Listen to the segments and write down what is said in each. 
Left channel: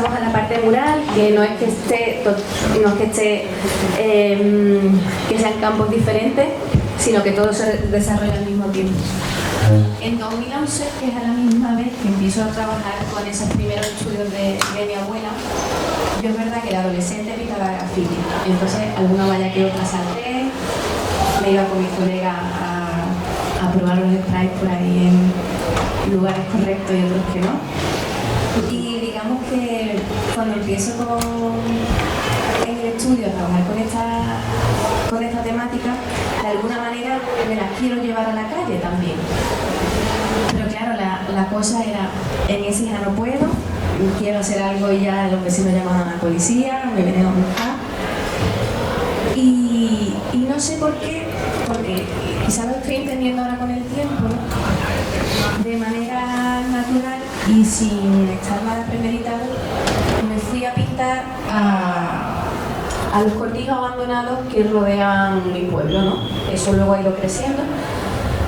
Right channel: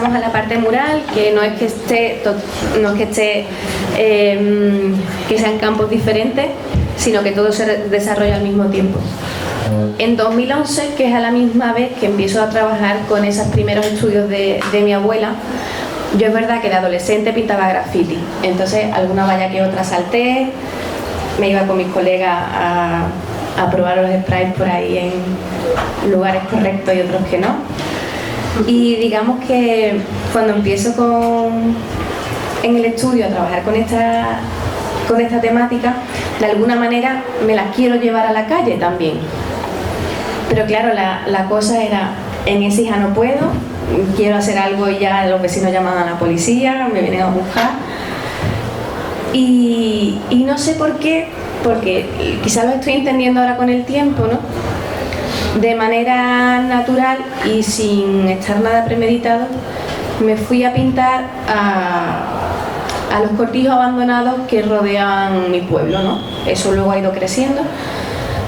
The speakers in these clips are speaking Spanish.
Vamos a la parte mural, que no es que que sean campos diferentes, sino que todo se desarrolla al mismo tiempo. En 2011, que es a la misma vez que empiezo a trabajar con esos primeros estudios de mi abuela, yo es verdad que de adolescente pintaba graffiti, entonces alguna valla que otra salté, me iba con mis colegas a probar los sprays por ahí en lugares correctos y otros que no. Y digamos que cuando empiezo en el estudio a trabajar con esta temática, de alguna manera me las quiero llevar a la calle también. Pero claro, la cosa era, en Écija no puedo, quiero hacer algo y ya los vecinos llaman a la policía, me vienen a buscar. Y no sé por qué, porque quizás lo estoy entendiendo ahora con el tiempo, ¿no? De manera natural y sin estar nada premeditado, me fui a pintar a los cortijos abandonados que rodean mi pueblo, ¿no? Eso luego ha ido creciendo,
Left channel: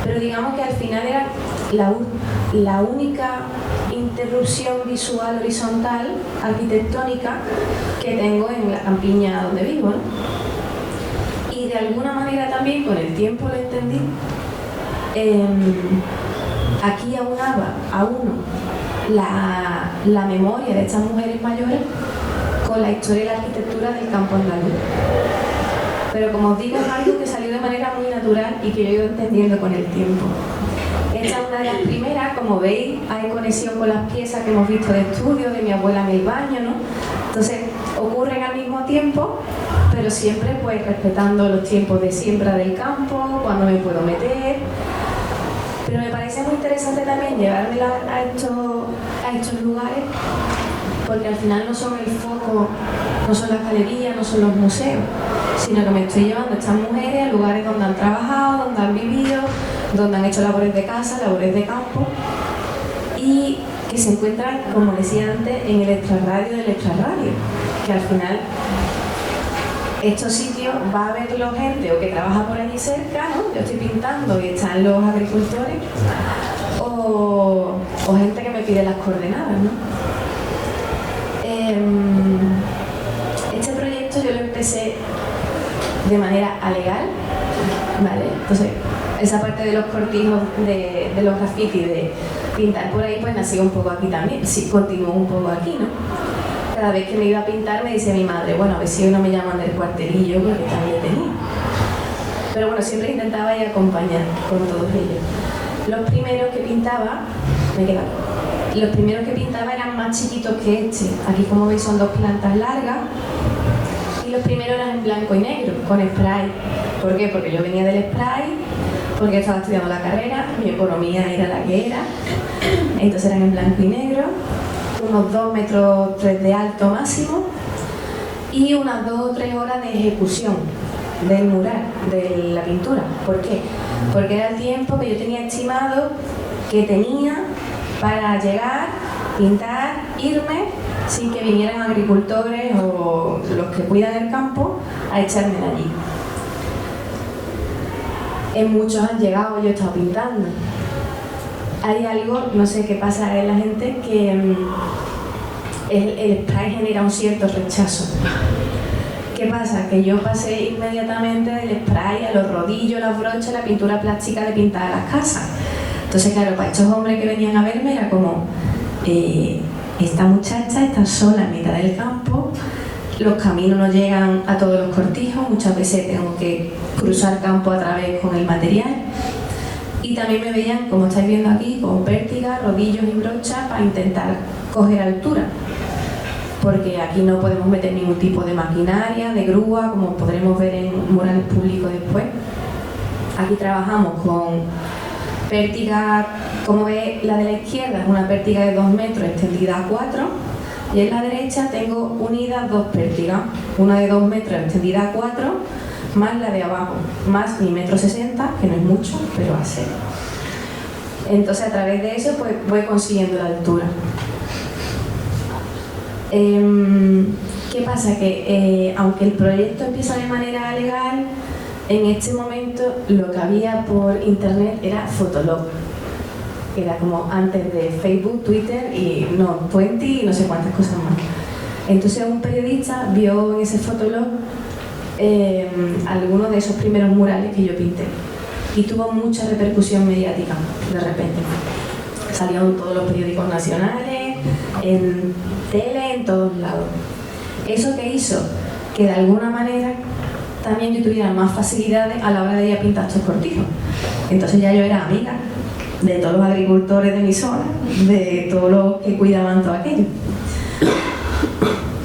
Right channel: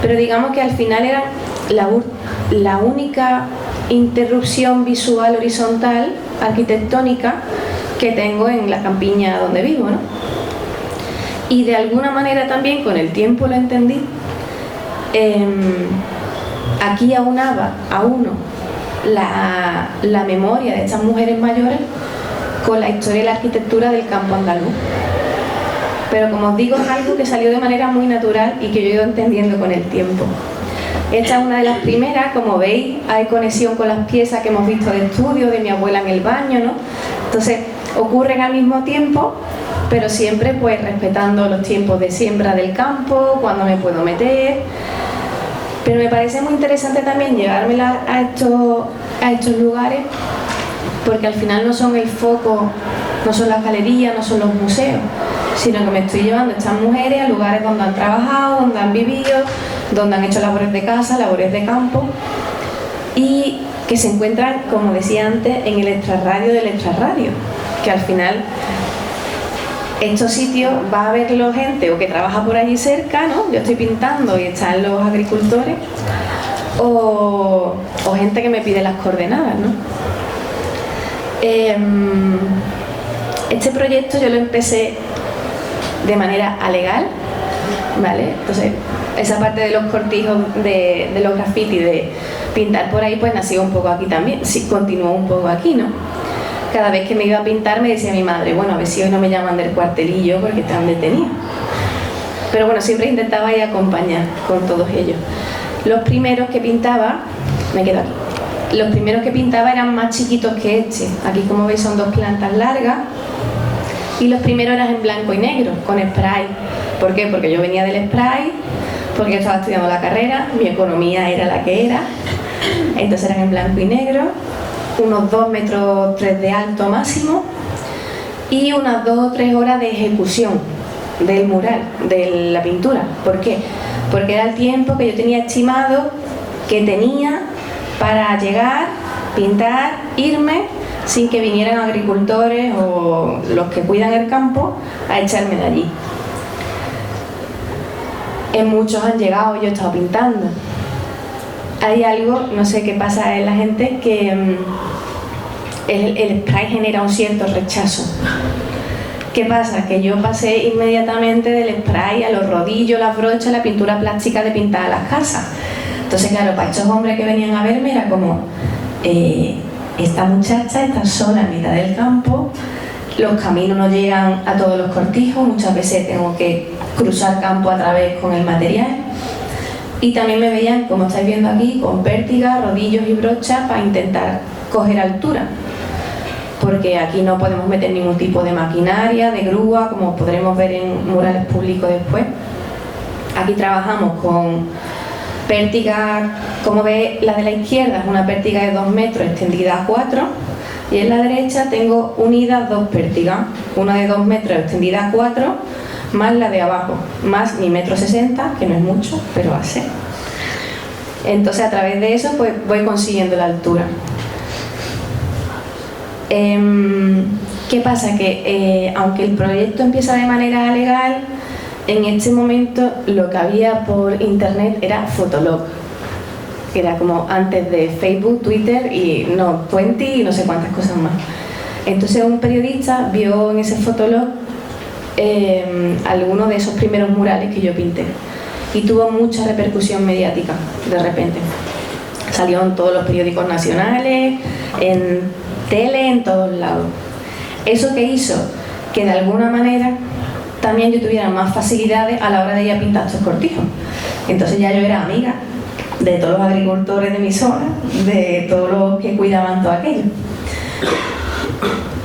pero digamos que al final era la única interrupción visual horizontal, arquitectónica, que tengo en la campiña donde vivo, ¿no? Y de alguna manera también con el tiempo lo entendí. Aquí aunaba a uno la memoria de estas mujeres mayores con la historia y la arquitectura del campo andaluz. Pero como os digo, es algo que salió de manera muy natural y que yo he ido entendiendo con el tiempo. Esta es una de las primeras, como veis, hay conexión con las piezas que hemos visto de estudio, de mi abuela en el baño, ¿no? Entonces, ocurren al mismo tiempo, pero siempre pues respetando los tiempos de siembra del campo, cuando me puedo meter. Pero me parece muy interesante también llevármela a estos lugares, porque al final no son el foco, no son las galerías, no son los museos, sino que me estoy llevando a estas mujeres a lugares donde han trabajado, donde han vivido, donde han hecho labores de casa, labores de campo, y que se encuentran, como decía antes, en el extrarradio del extrarradio, que al final estos sitios va a verlo gente o que trabaja por allí cerca, ¿no? Yo estoy pintando y están los agricultores, o gente que me pide las coordenadas, ¿no? Este proyecto yo lo empecé de manera alegal, ¿vale? Entonces, esa parte de los cortijos de los grafitis, de pintar por ahí, pues nació un poco aquí también, sí, continuó un poco aquí, ¿no? Cada vez que me iba a pintar me decía mi madre, bueno, a ver si hoy no me llaman del cuartelillo porque están detenidos. Pero bueno, siempre intentaba ir a acompañar con todos ellos. Los primeros que pintaba, me quedo aquí, los primeros que pintaba eran más chiquitos que este. Aquí, como veis, son dos plantas largas. Y los primeros eran en blanco y negro, con spray. ¿Por qué? Porque yo venía del spray, porque yo estaba estudiando la carrera, mi economía era la que era. Entonces eran en blanco y negro, unos 2,3 metros de alto máximo y unas 2 o 3 horas de ejecución del mural, de la pintura. ¿Por qué? Porque era el tiempo que yo tenía estimado que tenía para llegar, pintar, irme, sin que vinieran agricultores o los que cuidan el campo a echarme de allí. En muchos han llegado, yo he estado pintando. Hay algo, no sé qué pasa en la gente, que el spray genera un cierto rechazo. ¿Qué pasa? Que yo pasé inmediatamente del spray a los rodillos, las brochas, la pintura plástica de pintar las casas. Entonces, claro, para estos hombres que venían a verme era como, esta muchacha está sola en mitad del campo, los caminos no llegan a todos los cortijos, muchas veces tengo que cruzar campo a través con el material. Y también me veían, como estáis viendo aquí, con pértigas, rodillos y brochas para intentar coger altura. Porque aquí no podemos meter ningún tipo de maquinaria, de grúa, como podremos ver en murales públicos después. Aquí trabajamos con pértigas, como veis, la de la izquierda es una pértiga de 2 metros extendida a 4, y en la derecha tengo unidas 2 pértigas, una de 2 metros extendida a 4, más la de abajo, más mi 1,60 m, que no es mucho, pero va a ser. Entonces, a través de eso, pues voy consiguiendo la altura. ¿Qué pasa? Que aunque el proyecto empieza de manera legal, en este momento lo que había por internet era Fotolog, que era como antes de Facebook, Twitter y no, 20 y no sé cuántas cosas más. Entonces un periodista vio en ese fotolog algunos de esos primeros murales que yo pinté y tuvo mucha repercusión mediática de repente. Salió en todos los periódicos nacionales, en tele, en todos lados. Eso que hizo que de alguna manera también yo tuviera más facilidades a la hora de ir a pintar estos cortijos. Entonces ya yo era amiga de todos los agricultores de mi zona, de todos los que cuidaban todo aquello.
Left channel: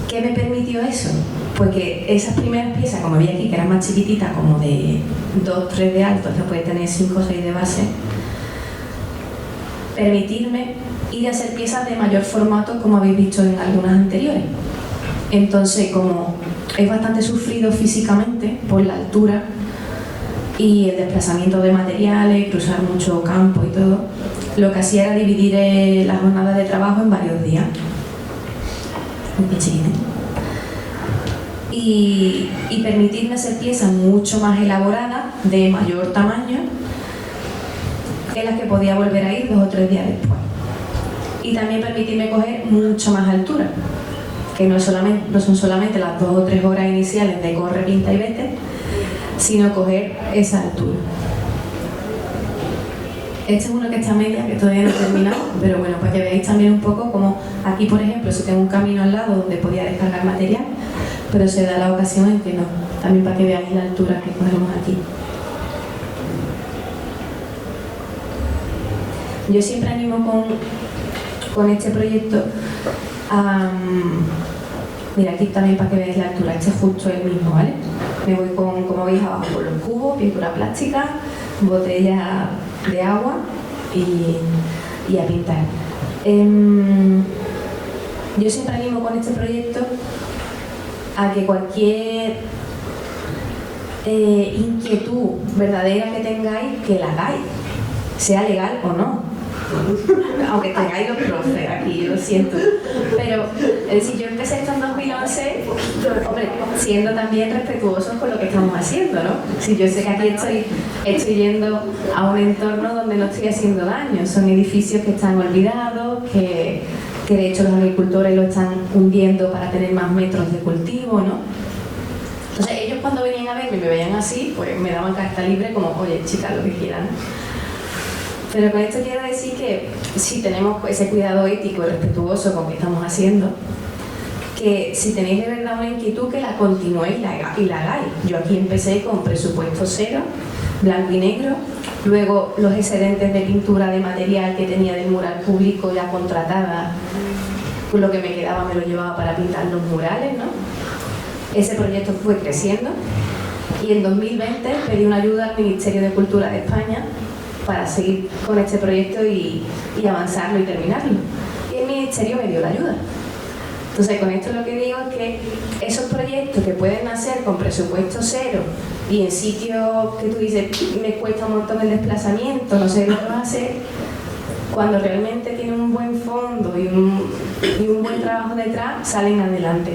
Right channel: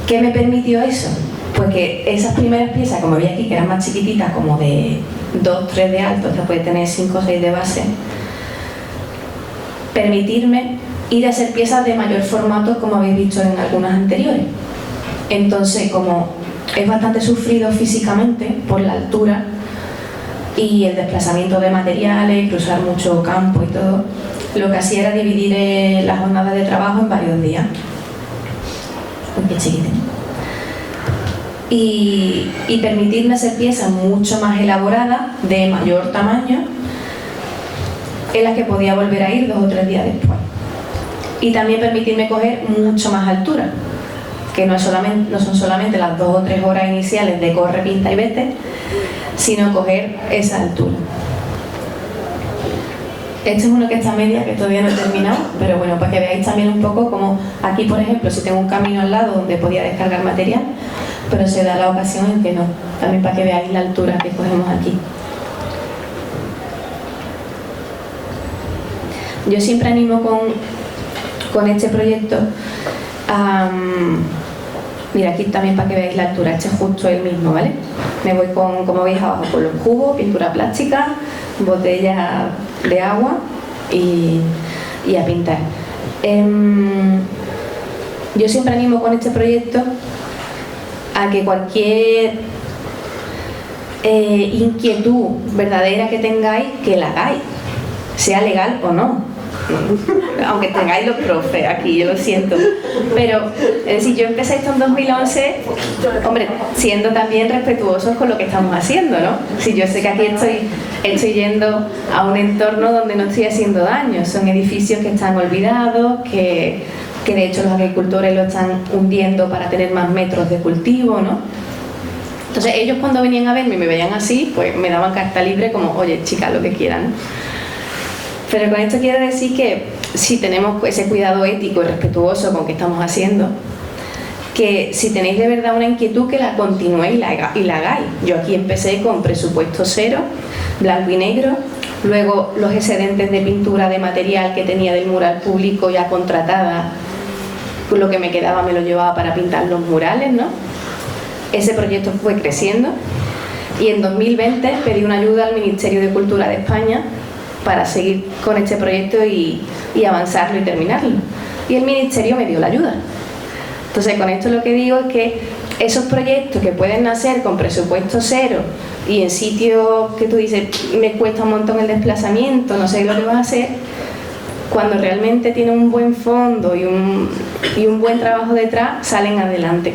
¿Qué me permitió eso? Pues que esas primeras piezas, como veis aquí, que eran más chiquititas, como de 2, 3 de alto, se puede tener 5 o 6 de base, permitirme ir a hacer piezas de mayor formato, como habéis visto en algunas anteriores. Entonces, como es bastante sufrido físicamente por la altura y el desplazamiento de materiales, cruzar mucho campo y todo, lo que hacía era dividir las jornadas de trabajo en varios días. Qué chiquitito. Y permitirme hacer piezas mucho más elaboradas, de mayor tamaño, en las que podía volver a ir 2 o 3 días después. Y también permitirme coger mucho más altura, que no son solamente las 2 o 3 horas iniciales de corre, pinta y vete, sino coger esa altura. Este es uno que está a media, que todavía no he terminado, pero bueno, para que veáis también un poco como aquí, por ejemplo, si tengo un camino al lado donde podía descargar material, pero se da la ocasión en que no, también para que veáis la altura que cogemos aquí. Yo siempre animo con este proyecto a... Mira, aquí también para que veáis la altura, este es justo el mismo, ¿vale? Me voy con, como veis abajo, con los cubos, pintura plástica, botella de agua y a pintar. Yo siempre animo con este proyecto a que cualquier inquietud verdadera que tengáis, que la hagáis, sea legal o no. Aunque tengáis los profes aquí, yo lo siento, pero es decir, yo empecé esto en 2011, hombre, siendo también respetuosos con lo que estamos haciendo, ¿no? Si yo sé que aquí estoy yendo a un entorno donde no estoy haciendo daño, son edificios que están olvidados, que de hecho los agricultores lo están hundiendo para tener más metros de cultivo, ¿no? Entonces ellos cuando venían a verme y me veían así, pues me daban carta libre como, oye, chicas, lo que quieran. Pero con esto quiero decir que si tenemos ese cuidado ético y respetuoso con lo que estamos haciendo, que si tenéis de verdad una inquietud, que la continuéis y la hagáis. Yo aquí empecé con presupuesto cero, blanco y negro, luego los excedentes de pintura de material que tenía del mural público ya contratada, pues lo que me quedaba me lo llevaba para pintar los murales, ¿no? Ese proyecto fue creciendo y en 2020 pedí una ayuda al Ministerio de Cultura de España para seguir con este proyecto y avanzarlo y terminarlo. Y el Ministerio me dio la ayuda. Entonces, con esto lo que digo es que esos proyectos que pueden nacer con presupuesto cero y en sitios que tú dices, me cuesta un montón el desplazamiento, no sé lo que vas a hacer, cuando realmente tienen un buen fondo y un buen trabajo detrás, salen adelante.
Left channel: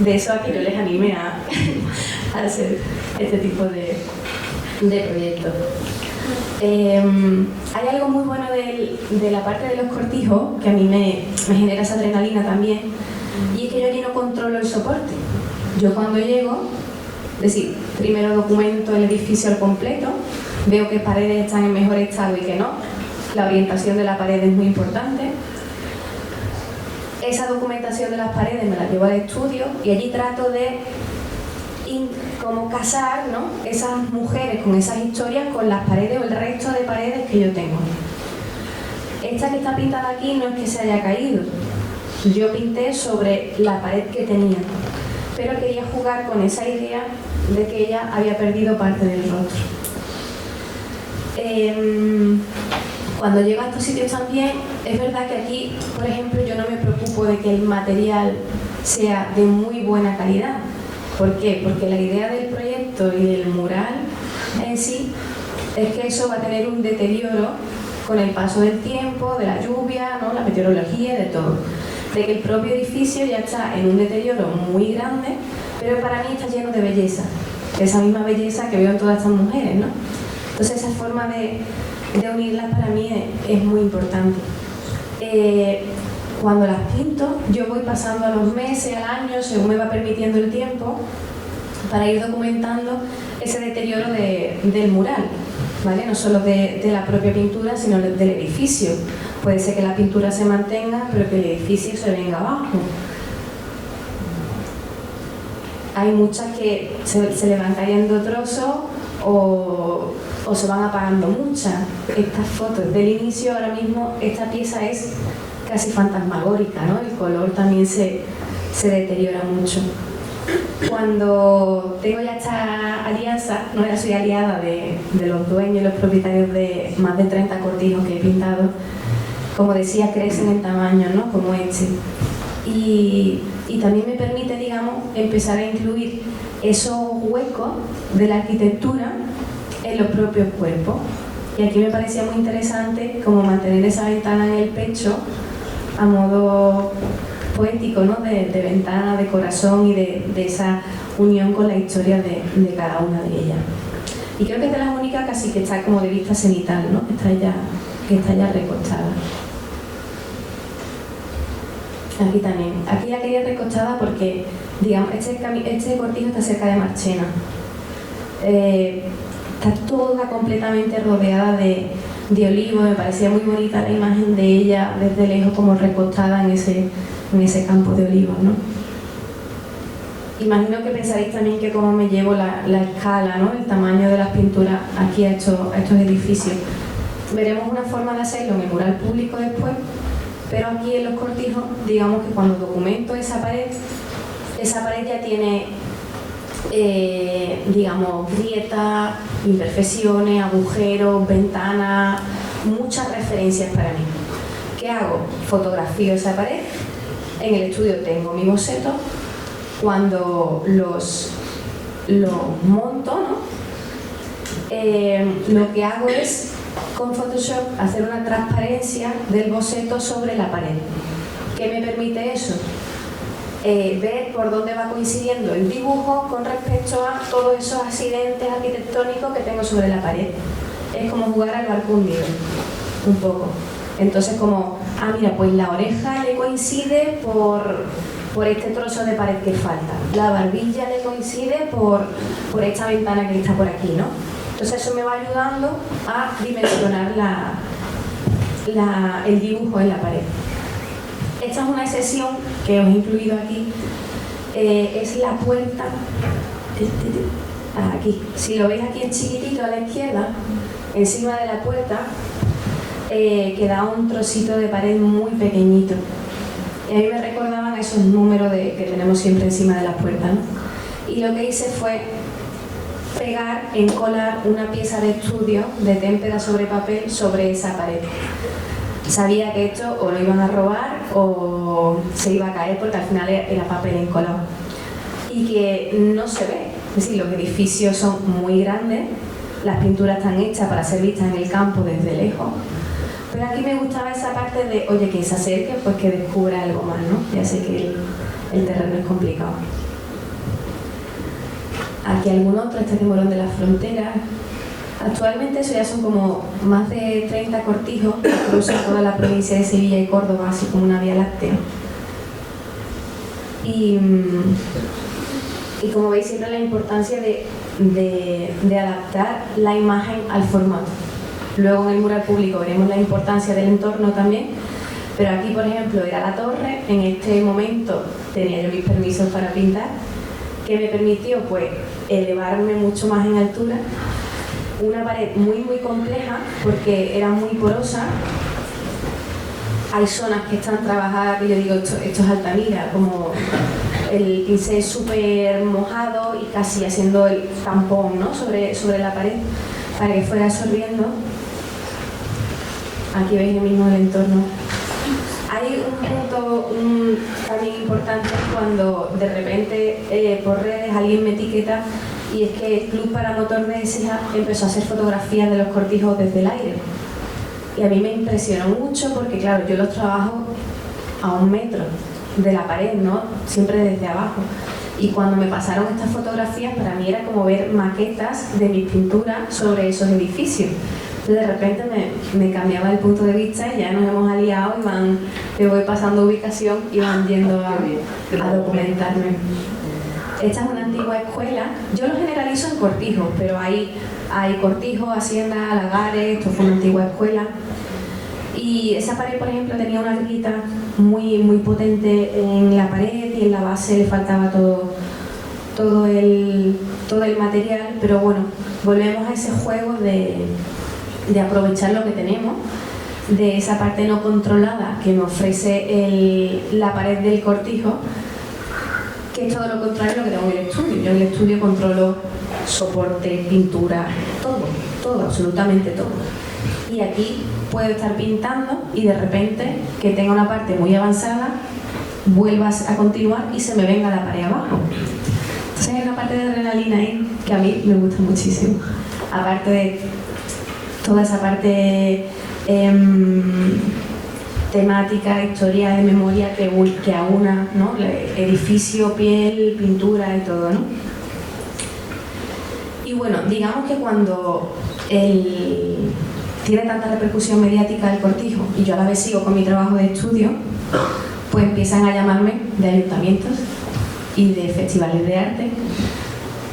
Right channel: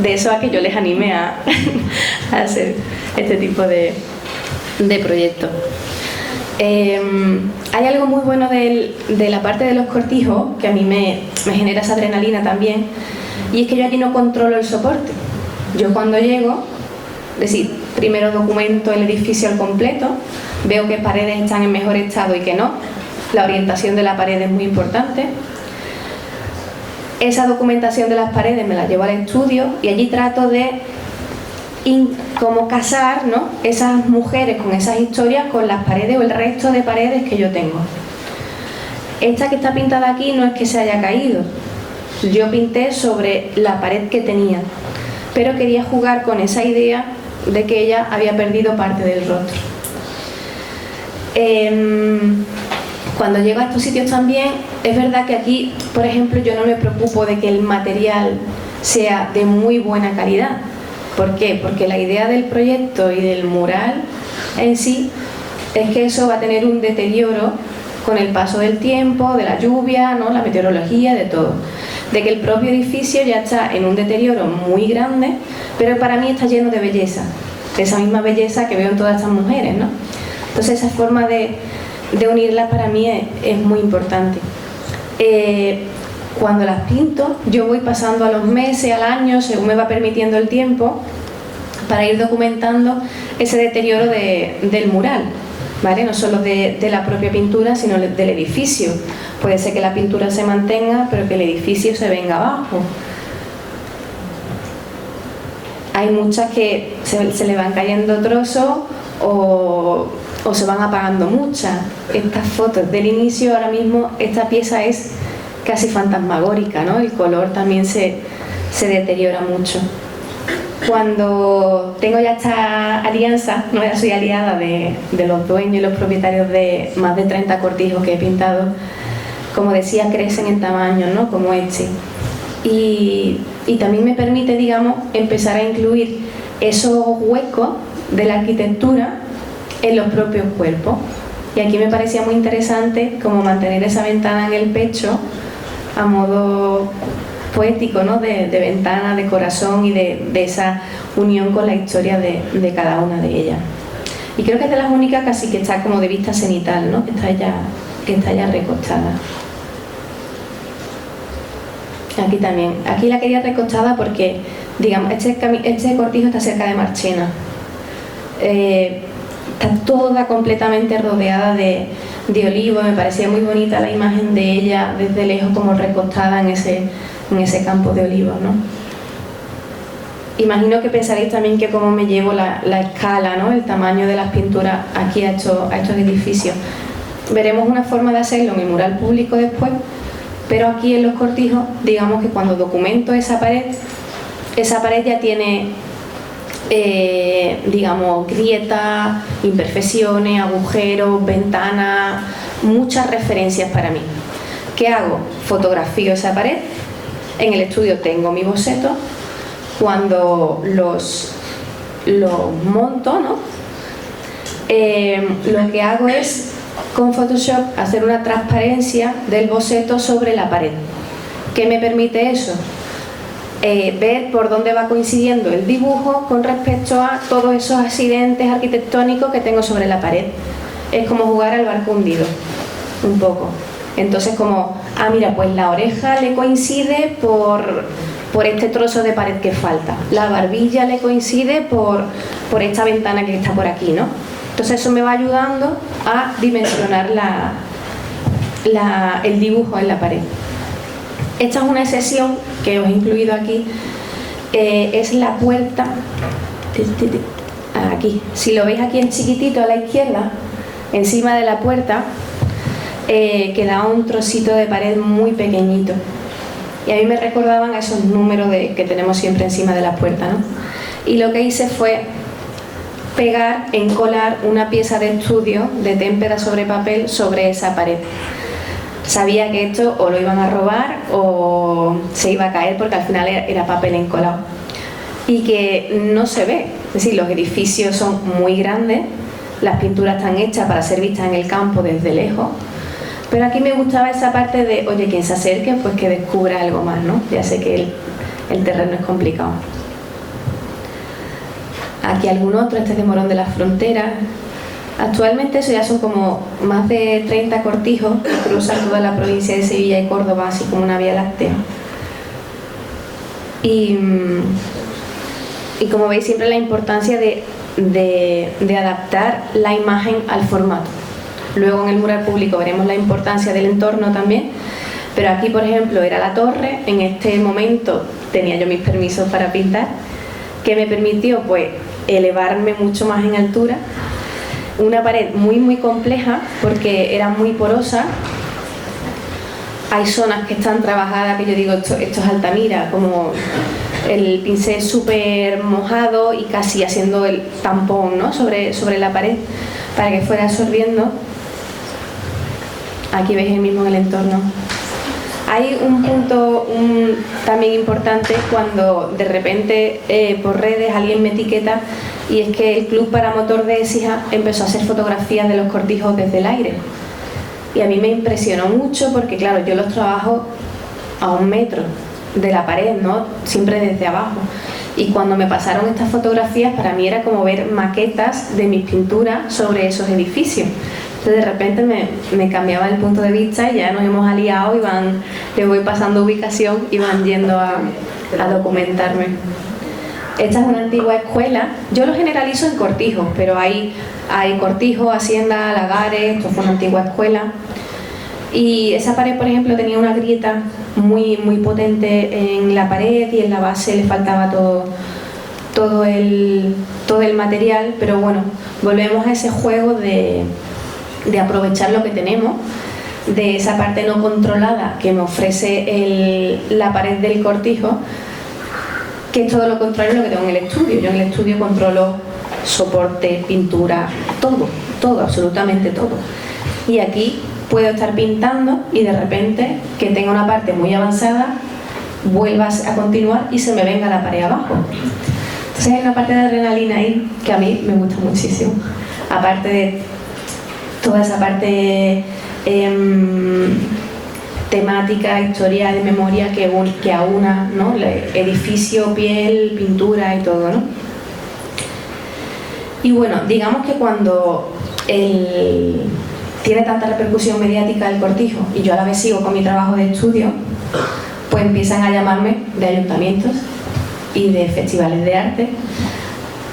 De eso a que yo les anime a hacer este tipo de proyectos. Hay algo muy bueno de la parte de los cortijos que a mí me genera esa adrenalina también, y es que yo allí no controlo el soporte. Yo cuando llego, es decir, primero documento el edificio al completo, veo que paredes están en mejor estado y que no, la orientación de la pared es muy importante. Esa documentación de las paredes me la llevo al estudio y allí trato de como casar, ¿no?, esas mujeres con esas historias con las paredes o el resto de paredes que yo tengo. Esta que está pintada aquí no es que se haya caído, yo pinté sobre la pared que tenía, pero quería jugar con esa idea de que ella había perdido parte del rostro. Cuando llego a estos sitios también, es verdad que aquí, por ejemplo, yo no me preocupo de que el material sea de muy buena calidad. ¿Por qué? Porque la idea del proyecto y del mural en sí es que eso va a tener un deterioro con el paso del tiempo, de la lluvia, ¿no?, la meteorología, de todo. De que el propio edificio ya está en un deterioro muy grande, pero para mí está lleno de belleza, de esa misma belleza que veo en todas estas mujeres, ¿no? Entonces esa forma de unirlas para mí es muy importante. cuando las pinto, yo voy pasando a los meses, al año, según me va permitiendo el tiempo, para ir documentando ese deterioro del mural, ¿vale? No solo de la propia pintura, sino del edificio. Puede ser que la pintura se mantenga, pero que el edificio se venga abajo. Hay muchas que se le van cayendo trozos o se van apagando muchas. Estas fotos del inicio, ahora mismo, esta pieza es casi fantasmagórica, ¿no? El color también se deteriora mucho. Cuando tengo ya esta alianza, no, ya soy aliada de los dueños y los propietarios de más de 30 cortijos que he pintado, como decía, crecen en tamaño, ¿no? Como este. Y también me permite, digamos, empezar a incluir esos huecos de la arquitectura en los propios cuerpos. Y aquí me parecía muy interesante como mantener esa ventana en el pecho a modo poético, ¿no? de ventana, de corazón y de esa unión con la historia de cada una de ellas. Y creo que es de las únicas casi que está como de vista cenital, ¿no? que está ya recostada. Aquí también. Aquí la quería recostada porque, digamos, este cortijo está cerca de Marchena. Está toda completamente rodeada de olivos. Me parecía muy bonita la imagen de ella desde lejos, como recostada en ese campo de olivos, ¿no? Imagino que pensaréis también que cómo me llevo la escala, ¿no? El tamaño de las pinturas aquí a estos edificios. Veremos una forma de hacerlo en el mural público después, pero aquí en los cortijos, digamos que cuando documento esa pared ya tiene, digamos, grietas, imperfecciones, agujeros, ventanas, muchas referencias para mí. ¿Qué hago? Fotografío esa pared. En el estudio tengo mi boceto. Cuando los monto, ¿no? Lo que hago es, con Photoshop, hacer una transparencia del boceto sobre la pared. ¿Qué me permite eso? Ver por dónde va coincidiendo el dibujo con respecto a todos esos accidentes arquitectónicos que tengo sobre la pared. Es como jugar al barco hundido, un poco. Entonces, como, mira, pues la oreja le coincide por este trozo de pared que falta, la barbilla le coincide por esta ventana que está por aquí, ¿no? Entonces eso me va ayudando a dimensionar el dibujo en la pared. Esta es una excepción que os he incluido aquí, es la puerta, aquí, si lo veis aquí en chiquitito a la izquierda, encima de la puerta, queda un trocito de pared muy pequeñito. Y a mí me recordaban a esos números que tenemos siempre encima de la puerta, ¿no? Y lo que hice fue encolar una pieza de estudio de témpera sobre papel sobre esa pared. Sabía que esto o lo iban a robar o se iba a caer porque al final era papel encolado. Y que no se ve, es decir, los edificios son muy grandes, las pinturas están hechas para ser vistas en el campo desde lejos. Pero aquí me gustaba esa parte de, oye, quien se acerque, pues que descubra algo más, ¿no? Ya sé que el terreno es complicado. Aquí algún otro, este es de Morón de las Fronteras. Actualmente eso ya son como más de 30 cortijos que cruzan toda la provincia de Sevilla y Córdoba, así como una vía láctea. Y como veis, siempre la importancia de adaptar la imagen al formato. Luego en el mural público veremos la importancia del entorno también, pero aquí, por ejemplo, era la torre. En este momento tenía yo mis permisos para pintar, que me permitió pues elevarme mucho más en altura. Una pared muy compleja porque era muy porosa. Hay zonas que están trabajadas, que yo digo, esto es Altamira, como el pincel súper mojado y casi haciendo el tampón, ¿no? sobre la pared para que fuera absorbiendo. Aquí veis mismo el entorno. Hay un punto también importante cuando de repente por redes alguien me etiqueta, y es que el Club Paramotor de Écija empezó a hacer fotografías de los cortijos desde el aire. Y a mí me impresionó mucho porque, claro, yo los trabajo a 1 metro de la pared, ¿no? Siempre desde abajo. Y cuando me pasaron estas fotografías, para mí era como ver maquetas de mis pinturas sobre esos edificios. Entonces de repente me cambiaba el punto de vista y ya nos hemos aliado y le voy pasando ubicación y van yendo a documentarme. Esta es una antigua escuela, yo lo generalizo en Cortijo, pero hay Cortijo, Hacienda, Lagares, esto fue una antigua escuela. Y esa pared, por ejemplo, tenía una grieta muy, muy potente en la pared y en la base le faltaba todo el material, pero bueno, volvemos a ese juego de aprovechar lo que tenemos, de esa parte no controlada que me ofrece la pared del Cortijo, que es todo lo contrario a lo que tengo en el estudio. Yo en el estudio controlo soporte, pintura, todo, absolutamente todo. Y aquí puedo estar pintando y de repente que tenga una parte muy avanzada vuelvas a continuar y se me venga la pared abajo. Entonces hay una parte de adrenalina ahí que a mí me gusta muchísimo. Aparte de toda esa parte temática, historia de memoria que aúna, ¿no? Edificio, piel, pintura y todo, ¿no? Y bueno, digamos que cuando tiene tanta repercusión mediática el Cortijo y yo a la vez sigo con mi trabajo de estudio, pues empiezan a llamarme de ayuntamientos y de festivales de arte,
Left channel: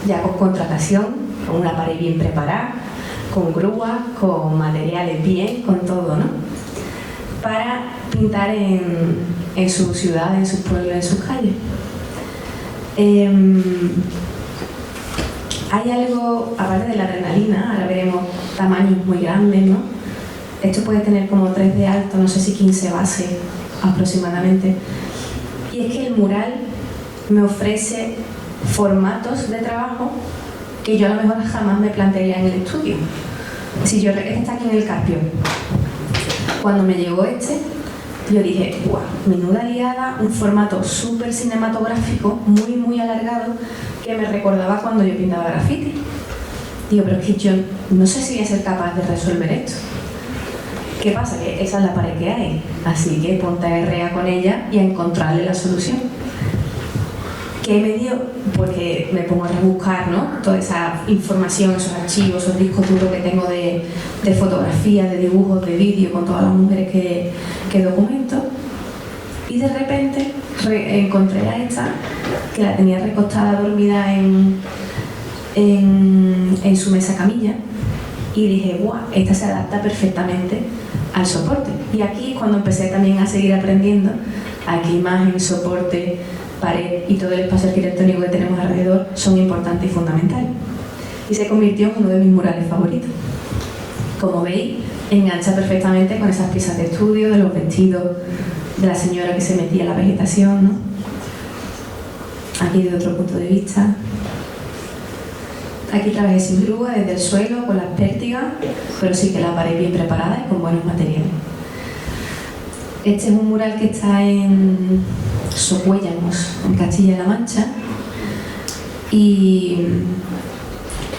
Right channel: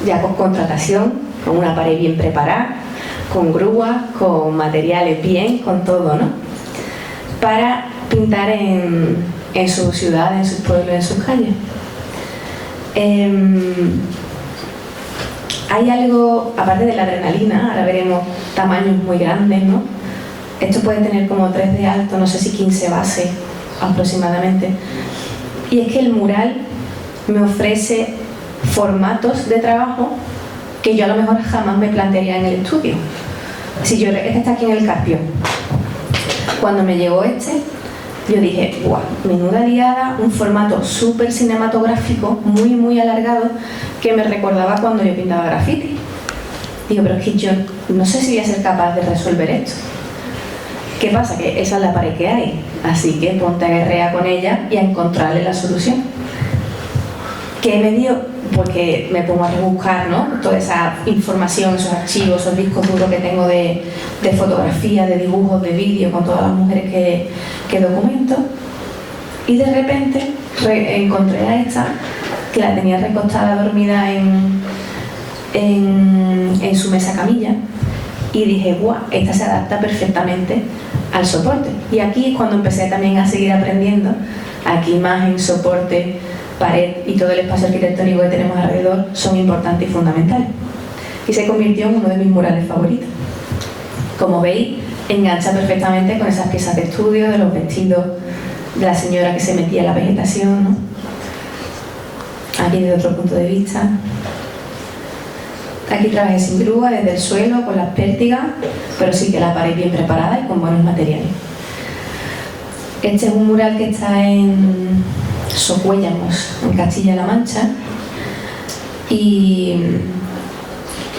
ya con contratación, con una pared bien preparada, con grúas, con materiales bien, con todo, ¿no? Para pintar en su ciudad, en sus pueblos, en sus calles. Hay algo, aparte de la adrenalina, ahora veremos tamaños muy grandes, ¿no? Esto puede tener como 3 de alto, no sé si 15 bases aproximadamente. Y es que el mural me ofrece formatos de trabajo que yo a lo mejor jamás me plantearía en el estudio. Si yo está aquí en el Carpio. Cuando me llegó yo dije, ¡guau! Menuda liada, un formato súper cinematográfico, muy, muy alargado, que me recordaba cuando yo pintaba graffiti. Digo, pero es que yo no sé si voy a ser capaz de resolver esto. ¿Qué pasa? Que esa es la pared que hay, así que ponte a guerrear con ella y a encontrarle la solución. ¿Qué me dio? Porque me pongo a rebuscar, ¿no? Toda esa información, esos archivos, esos discos duros que tengo de fotografía, de dibujos, de vídeo, con todas las mujeres que documento. Y de repente encontré a esta, que la tenía recostada, dormida en su mesa camilla, y dije, guau, esta se adapta perfectamente al soporte. Y aquí es cuando empecé también a seguir aprendiendo. Aquí imagen, soporte, pared y todo el espacio arquitectónico que tenemos alrededor son importantes y fundamentales. Y se convirtió en uno de mis murales favoritos. Como veis, engancha perfectamente con esas piezas de estudio, de los vestidos de la señora que se metía en la vegetación, ¿no? Aquí desde otro punto de vista. Aquí trabajé sin grúa, desde el suelo, con las pértigas, pero sí que la pared bien preparada y con buenos materiales. Este es un mural que está en Socuéllamos, en Castilla-La Mancha, y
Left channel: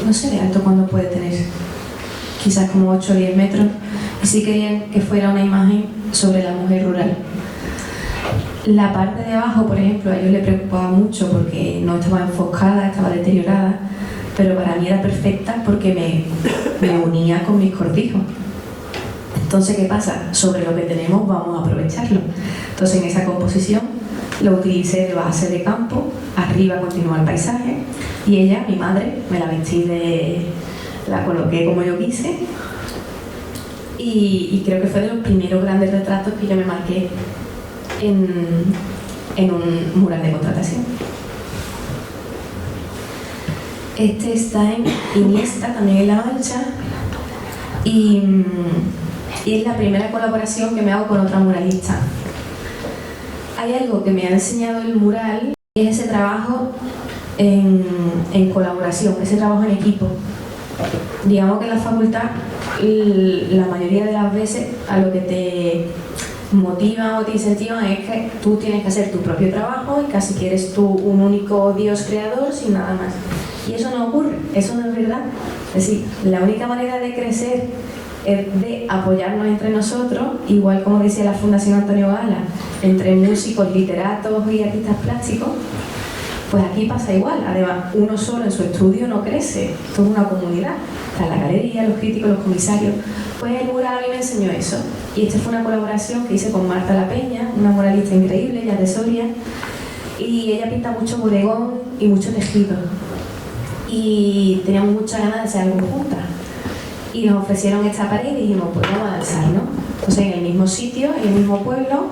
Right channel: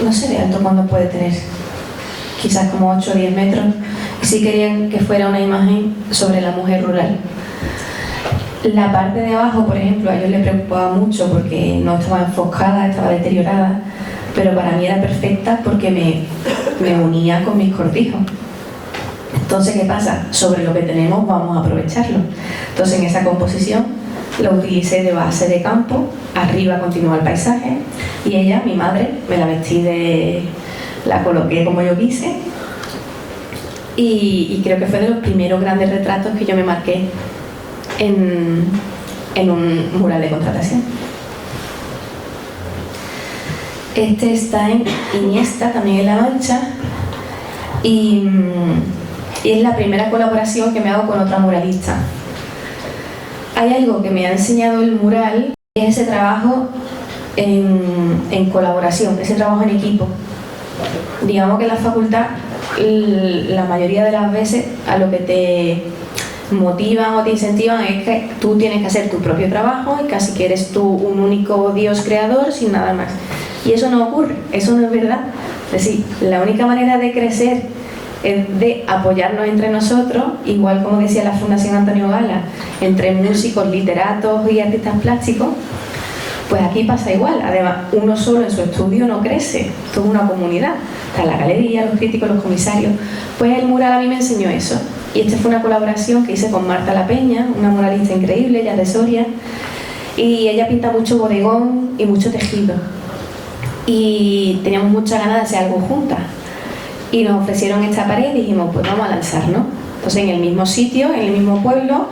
no sé de alto cuándo puede tener, quizás como 8 o 10 metros, y sí querían que fuera una imagen sobre la mujer rural. La parte de abajo, por ejemplo, a ellos les preocupaba mucho porque no estaba enfoscada, estaba deteriorada, pero para mí era perfecta porque me unía con mis cortijos. Entonces, ¿qué pasa? Sobre lo que tenemos vamos a aprovecharlo. Entonces, en esa composición lo utilicé de base de campo, arriba continúa el paisaje, y ella, mi madre, me la vestí la coloqué como yo quise, y creo que fue de los primeros grandes retratos que yo me marqué en un mural de contratación. Este está en Iniesta, también en La Mancha, y es la primera colaboración que me hago con otra muralista. Hay algo que me ha enseñado el mural, es ese trabajo en colaboración, ese trabajo en equipo. Digamos que en la facultad, la mayoría de las veces, a lo que te motivan o te incentivan es que tú tienes que hacer tu propio trabajo y casi que eres tú un único Dios creador sin nada más. Y eso no ocurre, eso no es verdad. Es decir, la única manera de crecer es de apoyarnos entre nosotros, igual como decía la Fundación Antonio Gala, entre músicos, literatos y artistas plásticos. Pues aquí pasa igual. Además, uno solo en su estudio no crece, esto es una comunidad. está en la galería, los críticos, los comisarios. Pues el mural a mí me enseñó eso. Y esta fue una colaboración que hice con Marta La Peña, una muralista increíble, ella es de Soria, y ella pinta mucho bodegón y mucho tejido. Y teníamos muchas ganas de hacer algo juntas. Y nos ofrecieron esta pared y dijimos, pues vamos a lanzarnos. Entonces en el mismo sitio, en el mismo pueblo,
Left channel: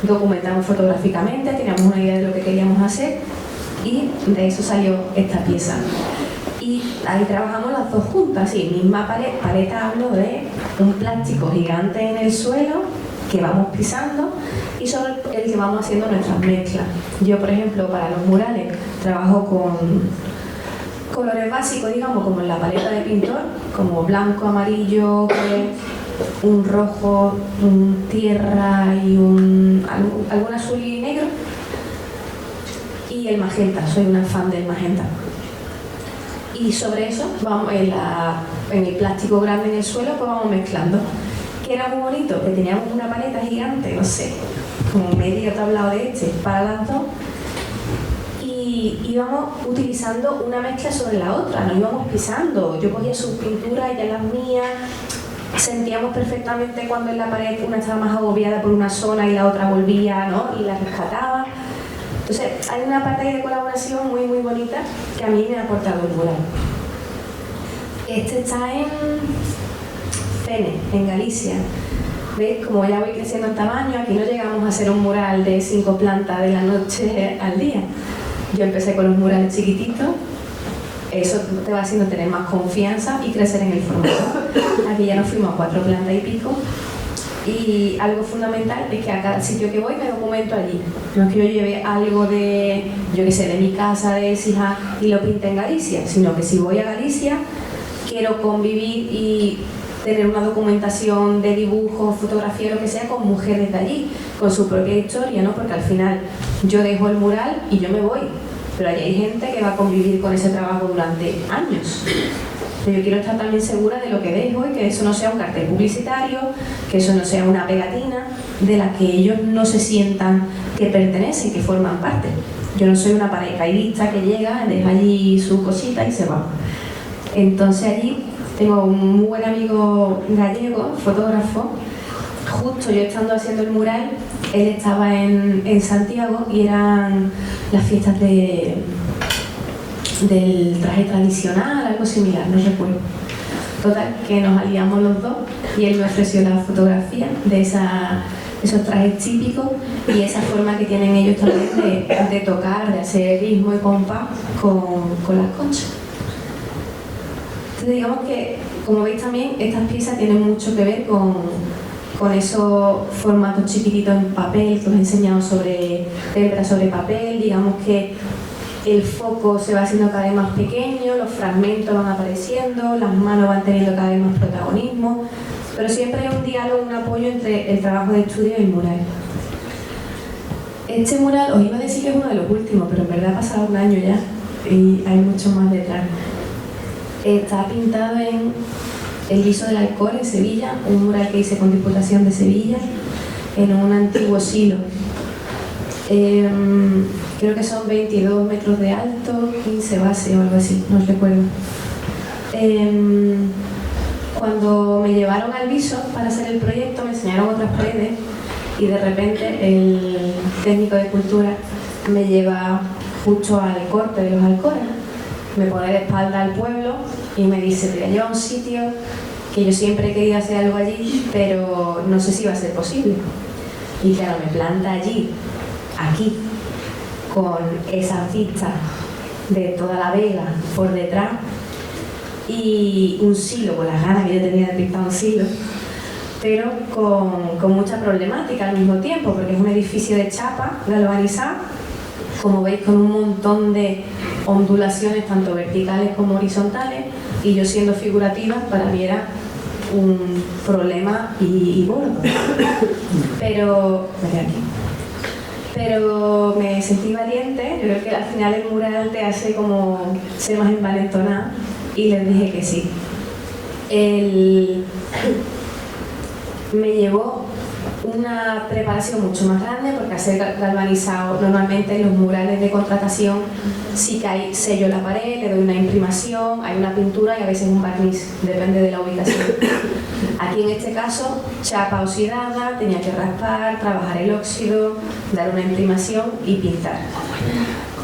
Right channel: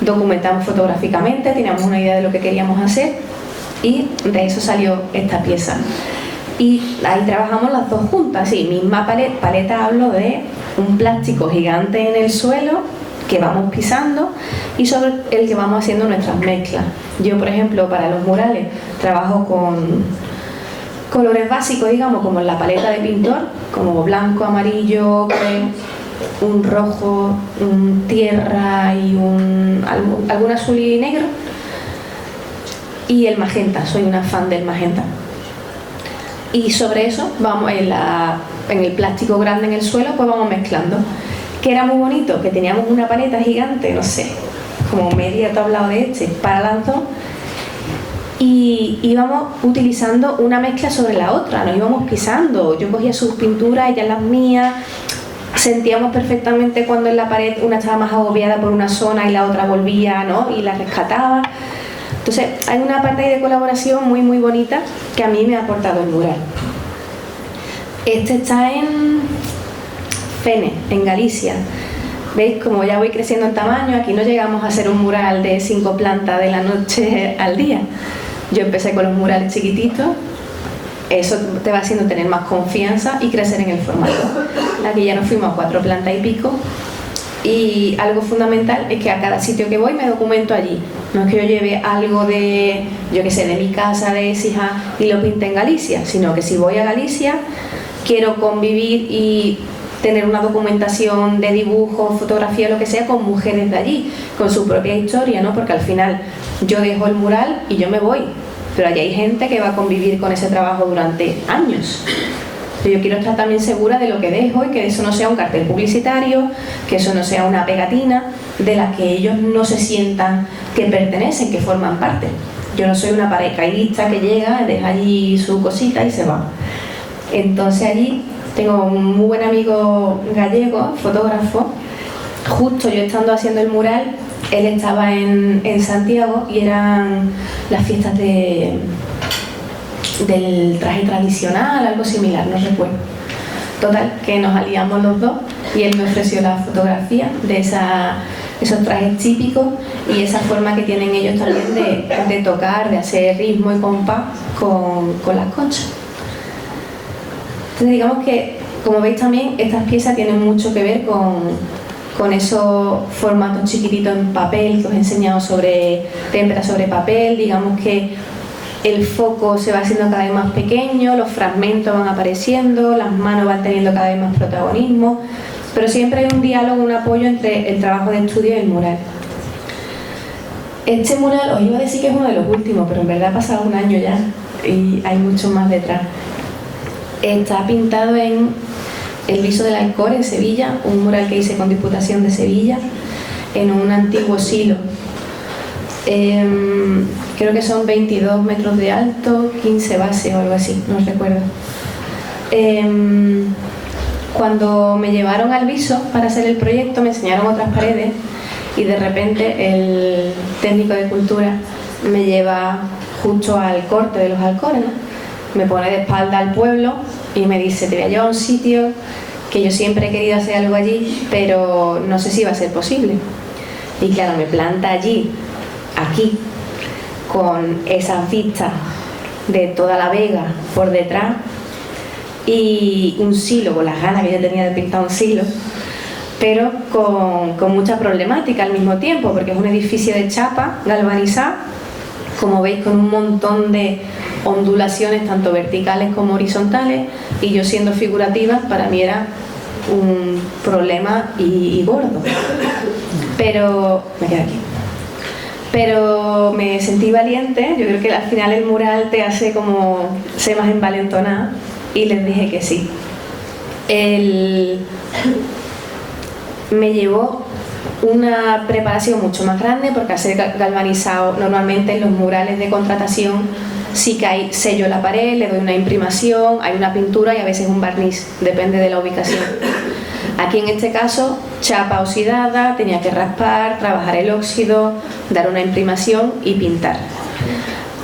documentamos fotográficamente, teníamos una idea de lo que queríamos hacer y de eso salió esta pieza. Y ahí trabajamos las dos juntas, sí, misma pared. Paleta hablo de un plástico gigante en el suelo que vamos pisando y sobre el que vamos haciendo nuestras mezclas. Yo, por ejemplo, para los murales trabajo con colores básicos, digamos, como en la paleta de pintor, como blanco, amarillo, un rojo, un tierra y algún azul y negro. Y el magenta, soy una fan del magenta. Y sobre eso, vamos en el plástico grande en el suelo, pues vamos mezclando. Que era muy bonito, que teníamos una paleta gigante, no sé, como medio tablado de para las dos. Y íbamos utilizando una mezcla sobre la otra, nos íbamos pisando. Yo cogía sus pinturas, ella las mías. Sentíamos perfectamente cuando en la pared una estaba más agobiada por una zona y la otra volvía, ¿no? Y la rescataba. Entonces hay una parte ahí de colaboración muy muy bonita que a mí me ha aportado el mural. Este está en Fene, en Galicia. ¿Veis? Como ya voy creciendo en tamaño, aquí no llegamos a hacer un mural de 5 plantas de la noche al día. Yo empecé con los murales chiquititos. Eso te va haciendo tener más confianza y crecer en el formato. Aquí ya nos fuimos a 4 plantas y pico. Y algo fundamental es que a cada sitio que voy me documento allí. No es que yo lleve algo de, yo qué sé, de mi casa, de Écija y lo pinte en Galicia, sino que si voy a Galicia quiero convivir y tener una documentación de dibujo, fotografía, lo que sea, con mujeres de allí, con su propia historia, ¿no? Porque al final yo dejo el mural y yo me voy, pero allí hay gente que va a convivir con ese trabajo durante años. Yo quiero estar también segura de lo que dejo y que eso no sea un cartel publicitario, que eso no sea una pegatina de la que ellos no se sientan que pertenecen, que forman parte. Yo no soy una paracaidista que llega, deja allí su cosita y se va. Entonces allí tengo un muy buen amigo gallego, fotógrafo. Justo yo estando haciendo el mural, él estaba en Santiago y eran las fiestas del traje tradicional, algo similar, no recuerdo. Total, que nos aliamos los dos y él me ofreció la fotografía de esos trajes típicos y esa forma que tienen ellos también de tocar, de hacer ritmo y compás con las conchas. Entonces digamos que, como veis también, estas piezas tienen mucho que ver con esos formatos chiquititos en papel que os he enseñado sobre témpera, sobre papel. Digamos que el foco se va haciendo cada vez más pequeño, los fragmentos van apareciendo, las manos van teniendo cada vez más protagonismo, pero siempre hay un diálogo, un apoyo entre el trabajo de estudio y el mural. Este mural, os iba a decir que es uno de los últimos, pero en verdad ha pasado un año ya y hay mucho más detrás. Está pintado en el Viso del Alcor, en Sevilla, un mural que hice con Diputación de Sevilla, en un antiguo silo. Creo que son 22 metros de alto, 15 bases o algo así, no recuerdo. Cuando me llevaron al Viso para hacer el proyecto, me enseñaron otras paredes y de repente el técnico de cultura me lleva justo al corte de los Alcores, ¿no? Me pone de espalda al pueblo y me dice: te voy a llevar a un sitio que yo siempre he querido hacer algo allí, pero no sé si va a ser posible. Y claro, me planta allí, aquí, con esas vistas de toda la vega por detrás y un silo, con las ganas que yo tenía de pintar un silo, pero con mucha problemática al mismo tiempo, porque es un edificio de chapa galvanizada, como veis, con un montón de ondulaciones tanto verticales como horizontales, y yo siendo figurativa para mí era un problema y gordo, pero me quedé aquí. Pero me sentí valiente. Yo creo que al final el mural te hace como ser más envalentonada y les dije que sí. Me llevó una preparación mucho más grande, porque hacer galvanizado normalmente en los murales de contratación sí que hay sello en la pared, le doy una imprimación, hay una pintura y a veces un barniz, depende de la ubicación. Aquí en este caso, chapa oxidada, tenía que raspar, trabajar el óxido, dar una imprimación y pintar,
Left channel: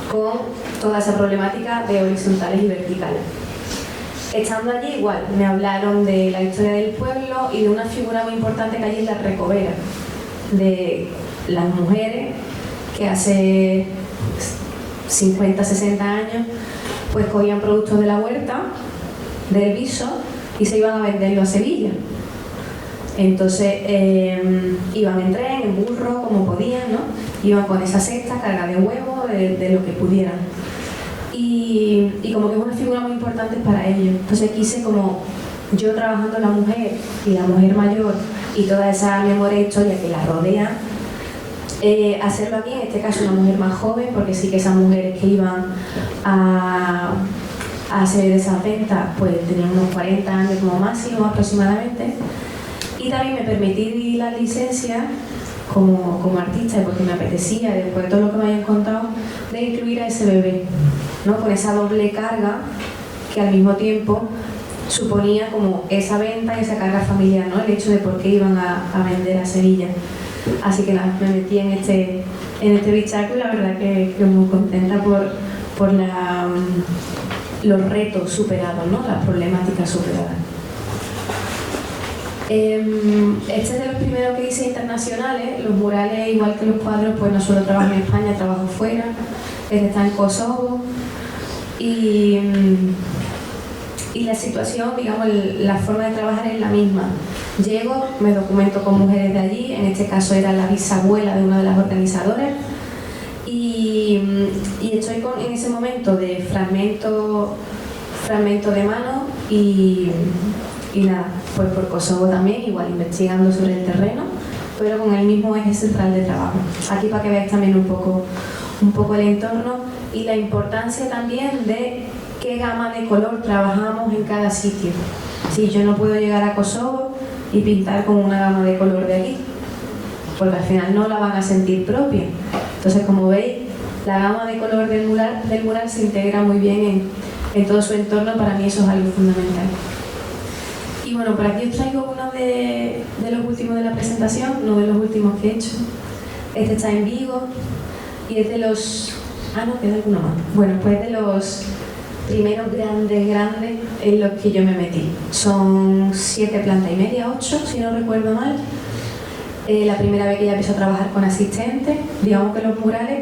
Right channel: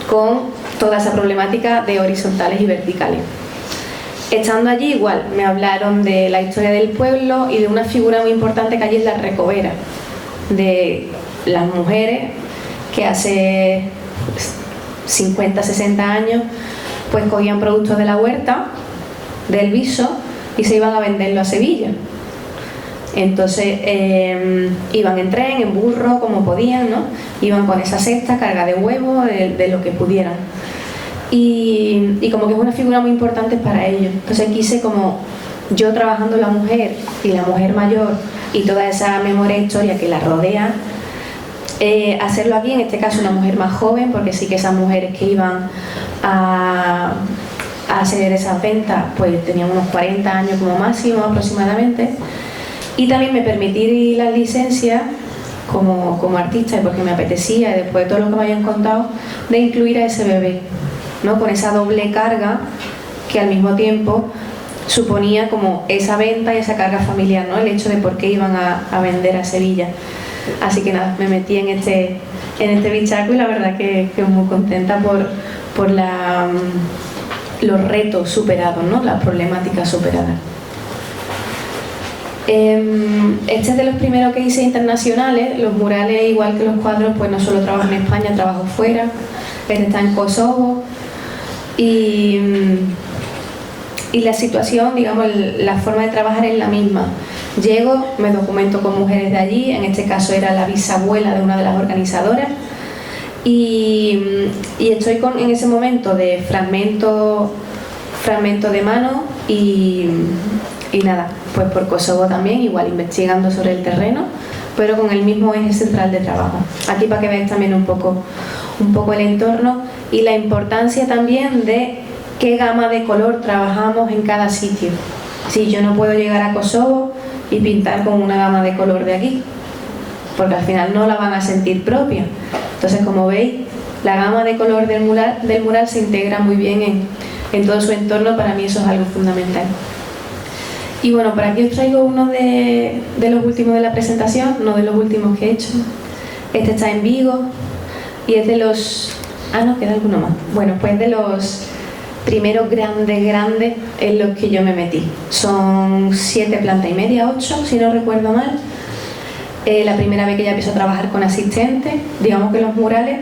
con toda esa problemática de horizontales y verticales. Estando allí igual, me hablaron de la historia del pueblo y de una figura muy importante que allí es la recovera, de las mujeres que hace 50, 60 años pues cogían productos de la huerta, del viso, y se iban a venderlo a Sevilla. Entonces iban en tren, en burro, como podían, ¿no? Iban con esa cesta carga de huevos, de lo que pudieran. Y como que es una figura muy importante para ellos. Entonces quise, como yo trabajando la mujer y la mujer mayor y toda esa memoria e historia que la rodea, hacerlo aquí, en este caso una mujer más joven, porque sí que esas mujeres que iban a hacer esas ventas pues tenían unos 40 años como máximo aproximadamente. Y también me permití la licencia como artista, y porque me apetecía, después de todo lo que me habían contado, de incluir a ese bebé, ¿no? Con esa doble carga que al mismo tiempo suponía como esa venta y esa carga familiar, ¿no? El hecho de por qué iban a vender a Sevilla. Así que nada, me metí en este bichaco y la verdad que muy contenta por los retos superados, ¿no? Las problemáticas superadas. Este es de los primeros que hice internacionales. Los murales, igual que los cuadros, pues no solo trabajo en España, trabajo fuera. Este está en Kosovo. Y la situación, digamos, la forma de trabajar es la misma. Llego, me documento con mujeres de allí, en este caso era la bisabuela de una de las organizadoras, y estoy en ese momento de fragmento de mano y nada, pues por Kosovo también, igual investigando sobre el terreno, pero con el mismo eje central de trabajo. Aquí para que veáis también un poco el entorno y la importancia también de qué gama de color trabajamos en cada sitio. Si yo no puedo llegar a Kosovo y pintar con una gama de color de aquí, porque al final no la van a sentir propia. Entonces, como veis, la gama de color del mural se integra muy bien en todo su entorno. Para mí eso es algo fundamental. Y bueno, por aquí os traigo uno de los últimos de la presentación, no de los últimos que he hecho. Este está en Vigo y es de los... Ah, no, queda alguno más. Bueno, pues de los primeros grandes en los que yo me metí. Son 7 plantas y media, 8, si no recuerdo mal. La primera vez que ya empiezo a trabajar con asistentes, digamos que los murales,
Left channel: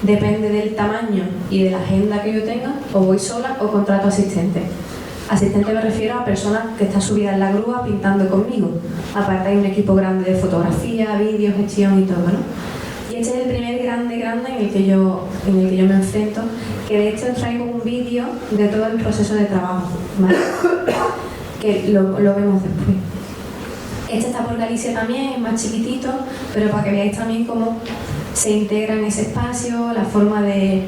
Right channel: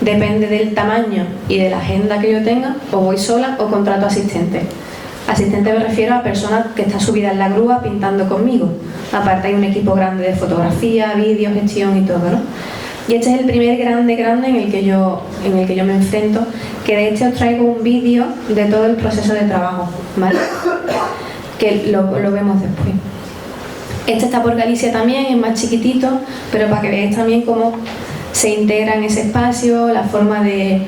depende del tamaño y de la agenda que yo tenga, o voy sola o contrato asistentes. Asistente me refiero a personas que están subidas en la grúa pintando conmigo. Aparte hay un equipo grande de fotografía, vídeo, gestión y todo, ¿no? Y este es el primer grande en el que yo me enfrento, que de este os traigo un vídeo de todo el proceso de trabajo, ¿vale? Que lo vemos después. Este está por Galicia también, es más chiquitito, pero para que veáis también cómo se integra en ese espacio, la forma de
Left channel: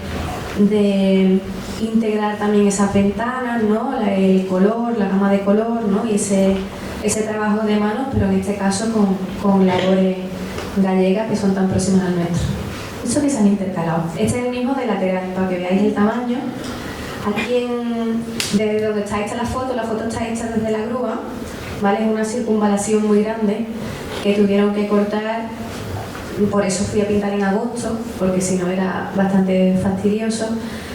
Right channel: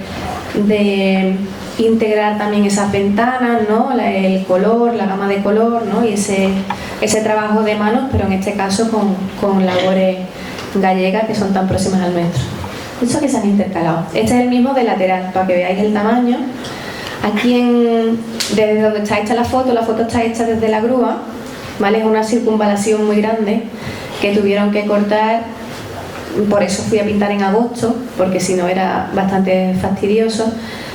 integrar también esas ventanas, ¿no? El color, la gama de color, ¿no? Y ese trabajo de manos, pero en este caso con labores gallegas que son tan próximas al metro. Eso que se han intercalado. Este es el mismo de lateral, para que veáis el tamaño. Aquí desde donde está hecha la foto está hecha desde la grúa, ¿vale? Es una circunvalación muy grande que tuvieron que cortar. Por eso fui a pintar en agosto, porque si no era bastante fastidioso.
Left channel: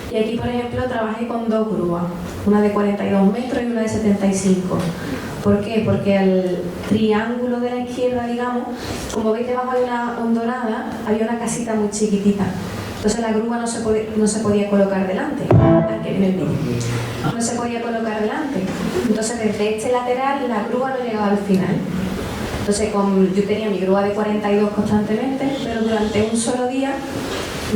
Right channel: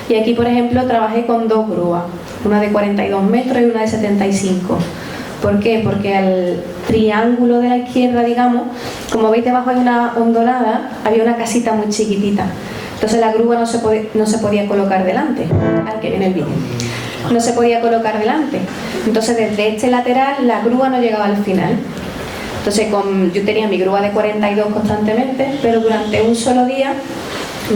Y aquí, por ejemplo, trabajé con 2 grúas, una de 42 metros y una de 75. ¿Por qué? Porque al triángulo de la izquierda, digamos, como veis debajo hay una hondonada, había una casita muy chiquitita. Entonces la grúa no se podía colocar delante, al que viene el vídeo. No se podía colocar delante. Entonces desde este lateral la grúa no llegaba al final. Entonces yo tenía mi grúa de 42 constantemente, pero durante un solo día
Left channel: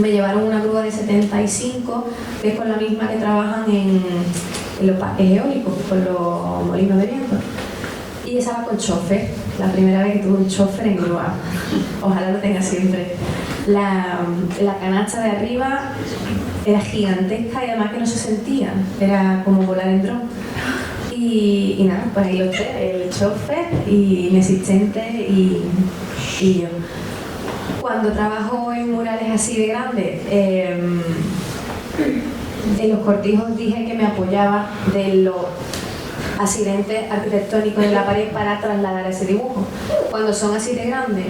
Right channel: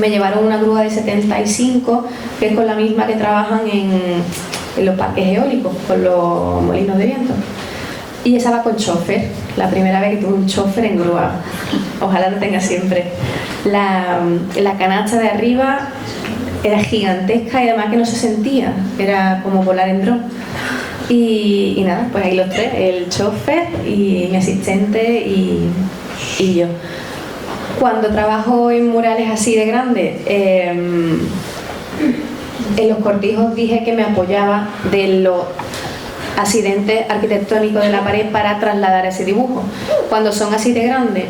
me llevaron una grúa de 75, que es con la misma que trabajan en los parques eólicos, con los molinos de viento. Y esa va con chofer, la primera vez que tuve un chofer en grúa. Ojalá lo tenga siempre. La canasta de arriba era gigantesca y además que no se sentía, era como volar en dron. Y nada, pues ahí los tres, el chofer y mi asistente y yo. Cuando trabajo en murales así de grandes, en los cortijos dije que me apoyaba de los accidentes arquitectónicos de la pared para trasladar ese dibujo. Cuando son así de grandes,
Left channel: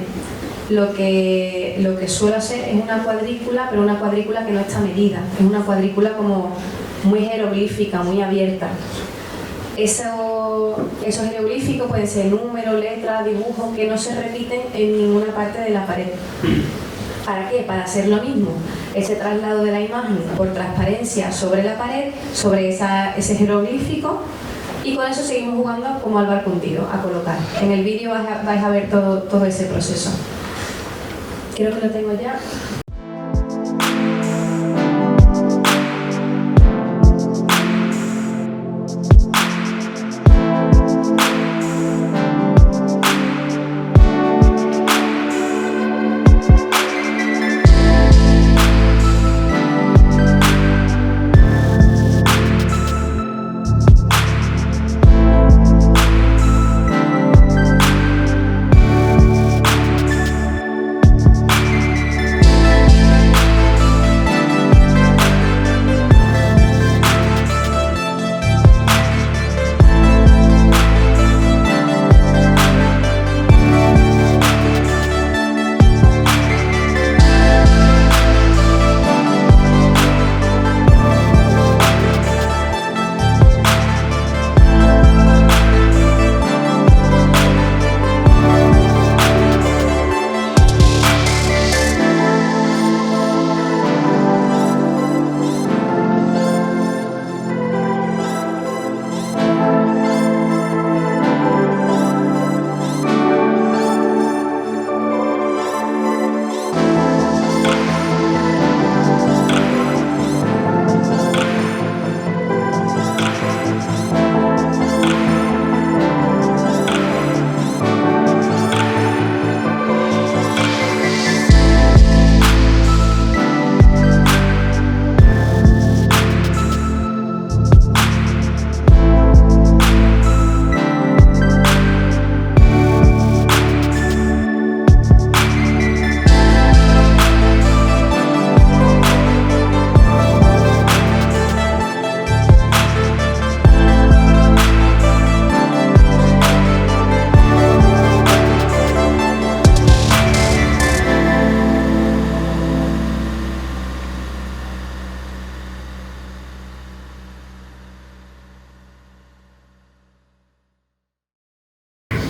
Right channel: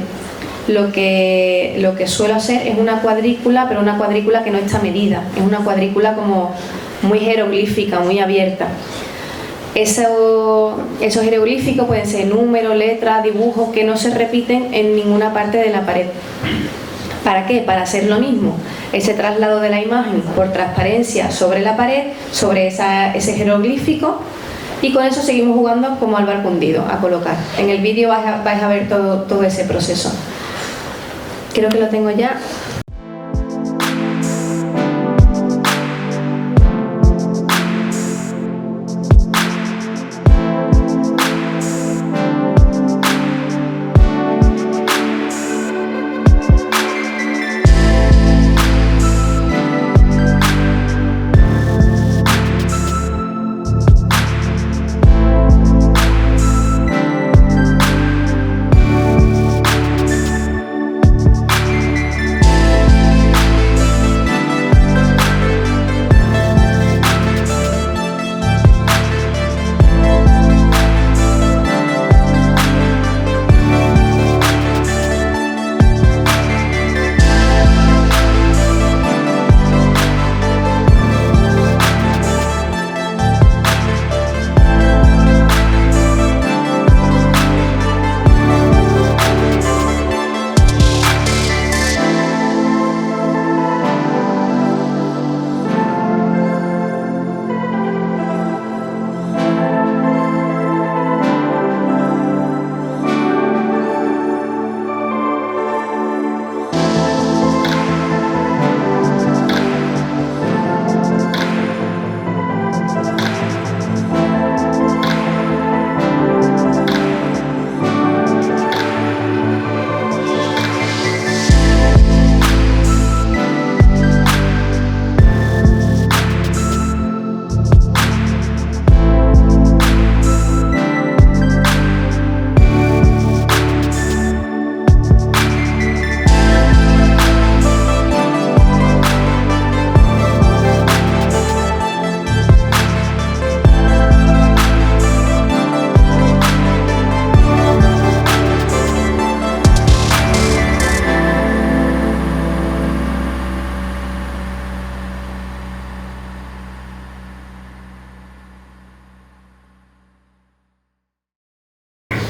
lo que suelo hacer es una cuadrícula, pero una cuadrícula que no está medida, es una cuadrícula como muy jeroglífica, muy abierta. Esos jeroglíficos pueden ser números, letras, dibujos que no se repiten en ninguna parte de la pared. ¿Para qué? Para hacer lo mismo, ese traslado de la imagen por transparencia sobre la pared, sobre ese jeroglífico, y con eso seguimos jugando como al barco hundido, a colocar. En el vídeo vais a ver todo ese proceso. Creo que lo tengo ya.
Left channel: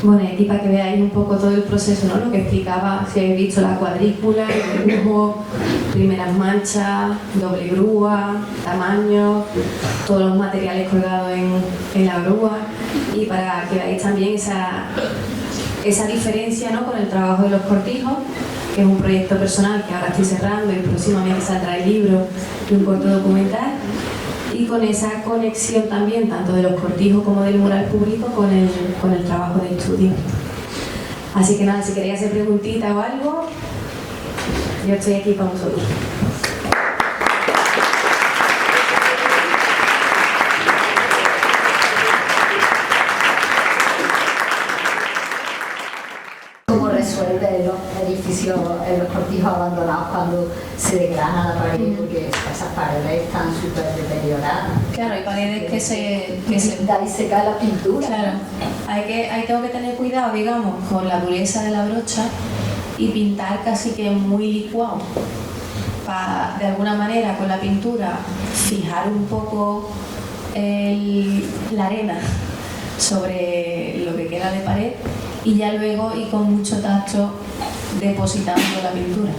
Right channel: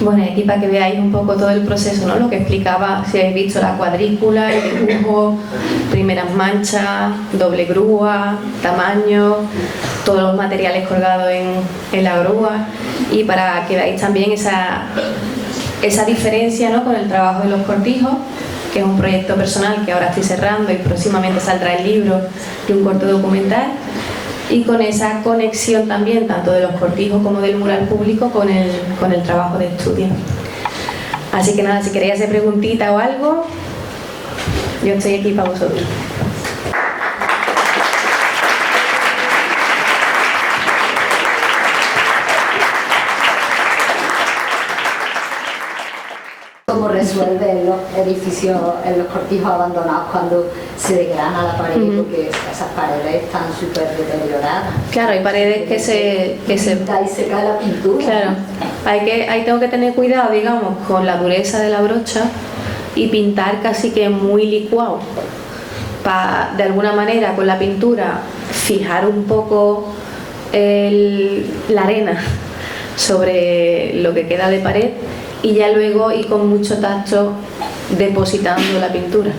Bueno, aquí para que veáis un poco todo el proceso, ¿no? Lo que explicaba, si habéis visto la cuadrícula, el dibujo, primeras manchas, doble grúa, tamaño, todos los materiales colgados en la grúa, y para que veáis también esa diferencia, ¿no? Con el trabajo de los cortijos, que es un proyecto personal que ahora estoy cerrando y próximamente saldrá el libro de un corto documental, y con esa conexión también tanto de los cortijos como del mural público con el trabajo de estudio. Así que nada, si queréis hacer preguntita o algo, yo estoy aquí para vosotros. ¿Cómo resuelven los edificios en los cortijos abandonados cuando se desgrana la pared? Porque esas paredes están súper deterioradas. Claro, hay paredes que se y se cae la pintura. Claro, ahí tengo que tener cuidado, digamos, con la dureza de la brocha y pintar casi que muy licuado, para de alguna manera con la pintura fijar un poco la arena sobre lo que queda de pared, y ya luego ir con mucho tacto depositando la pintura.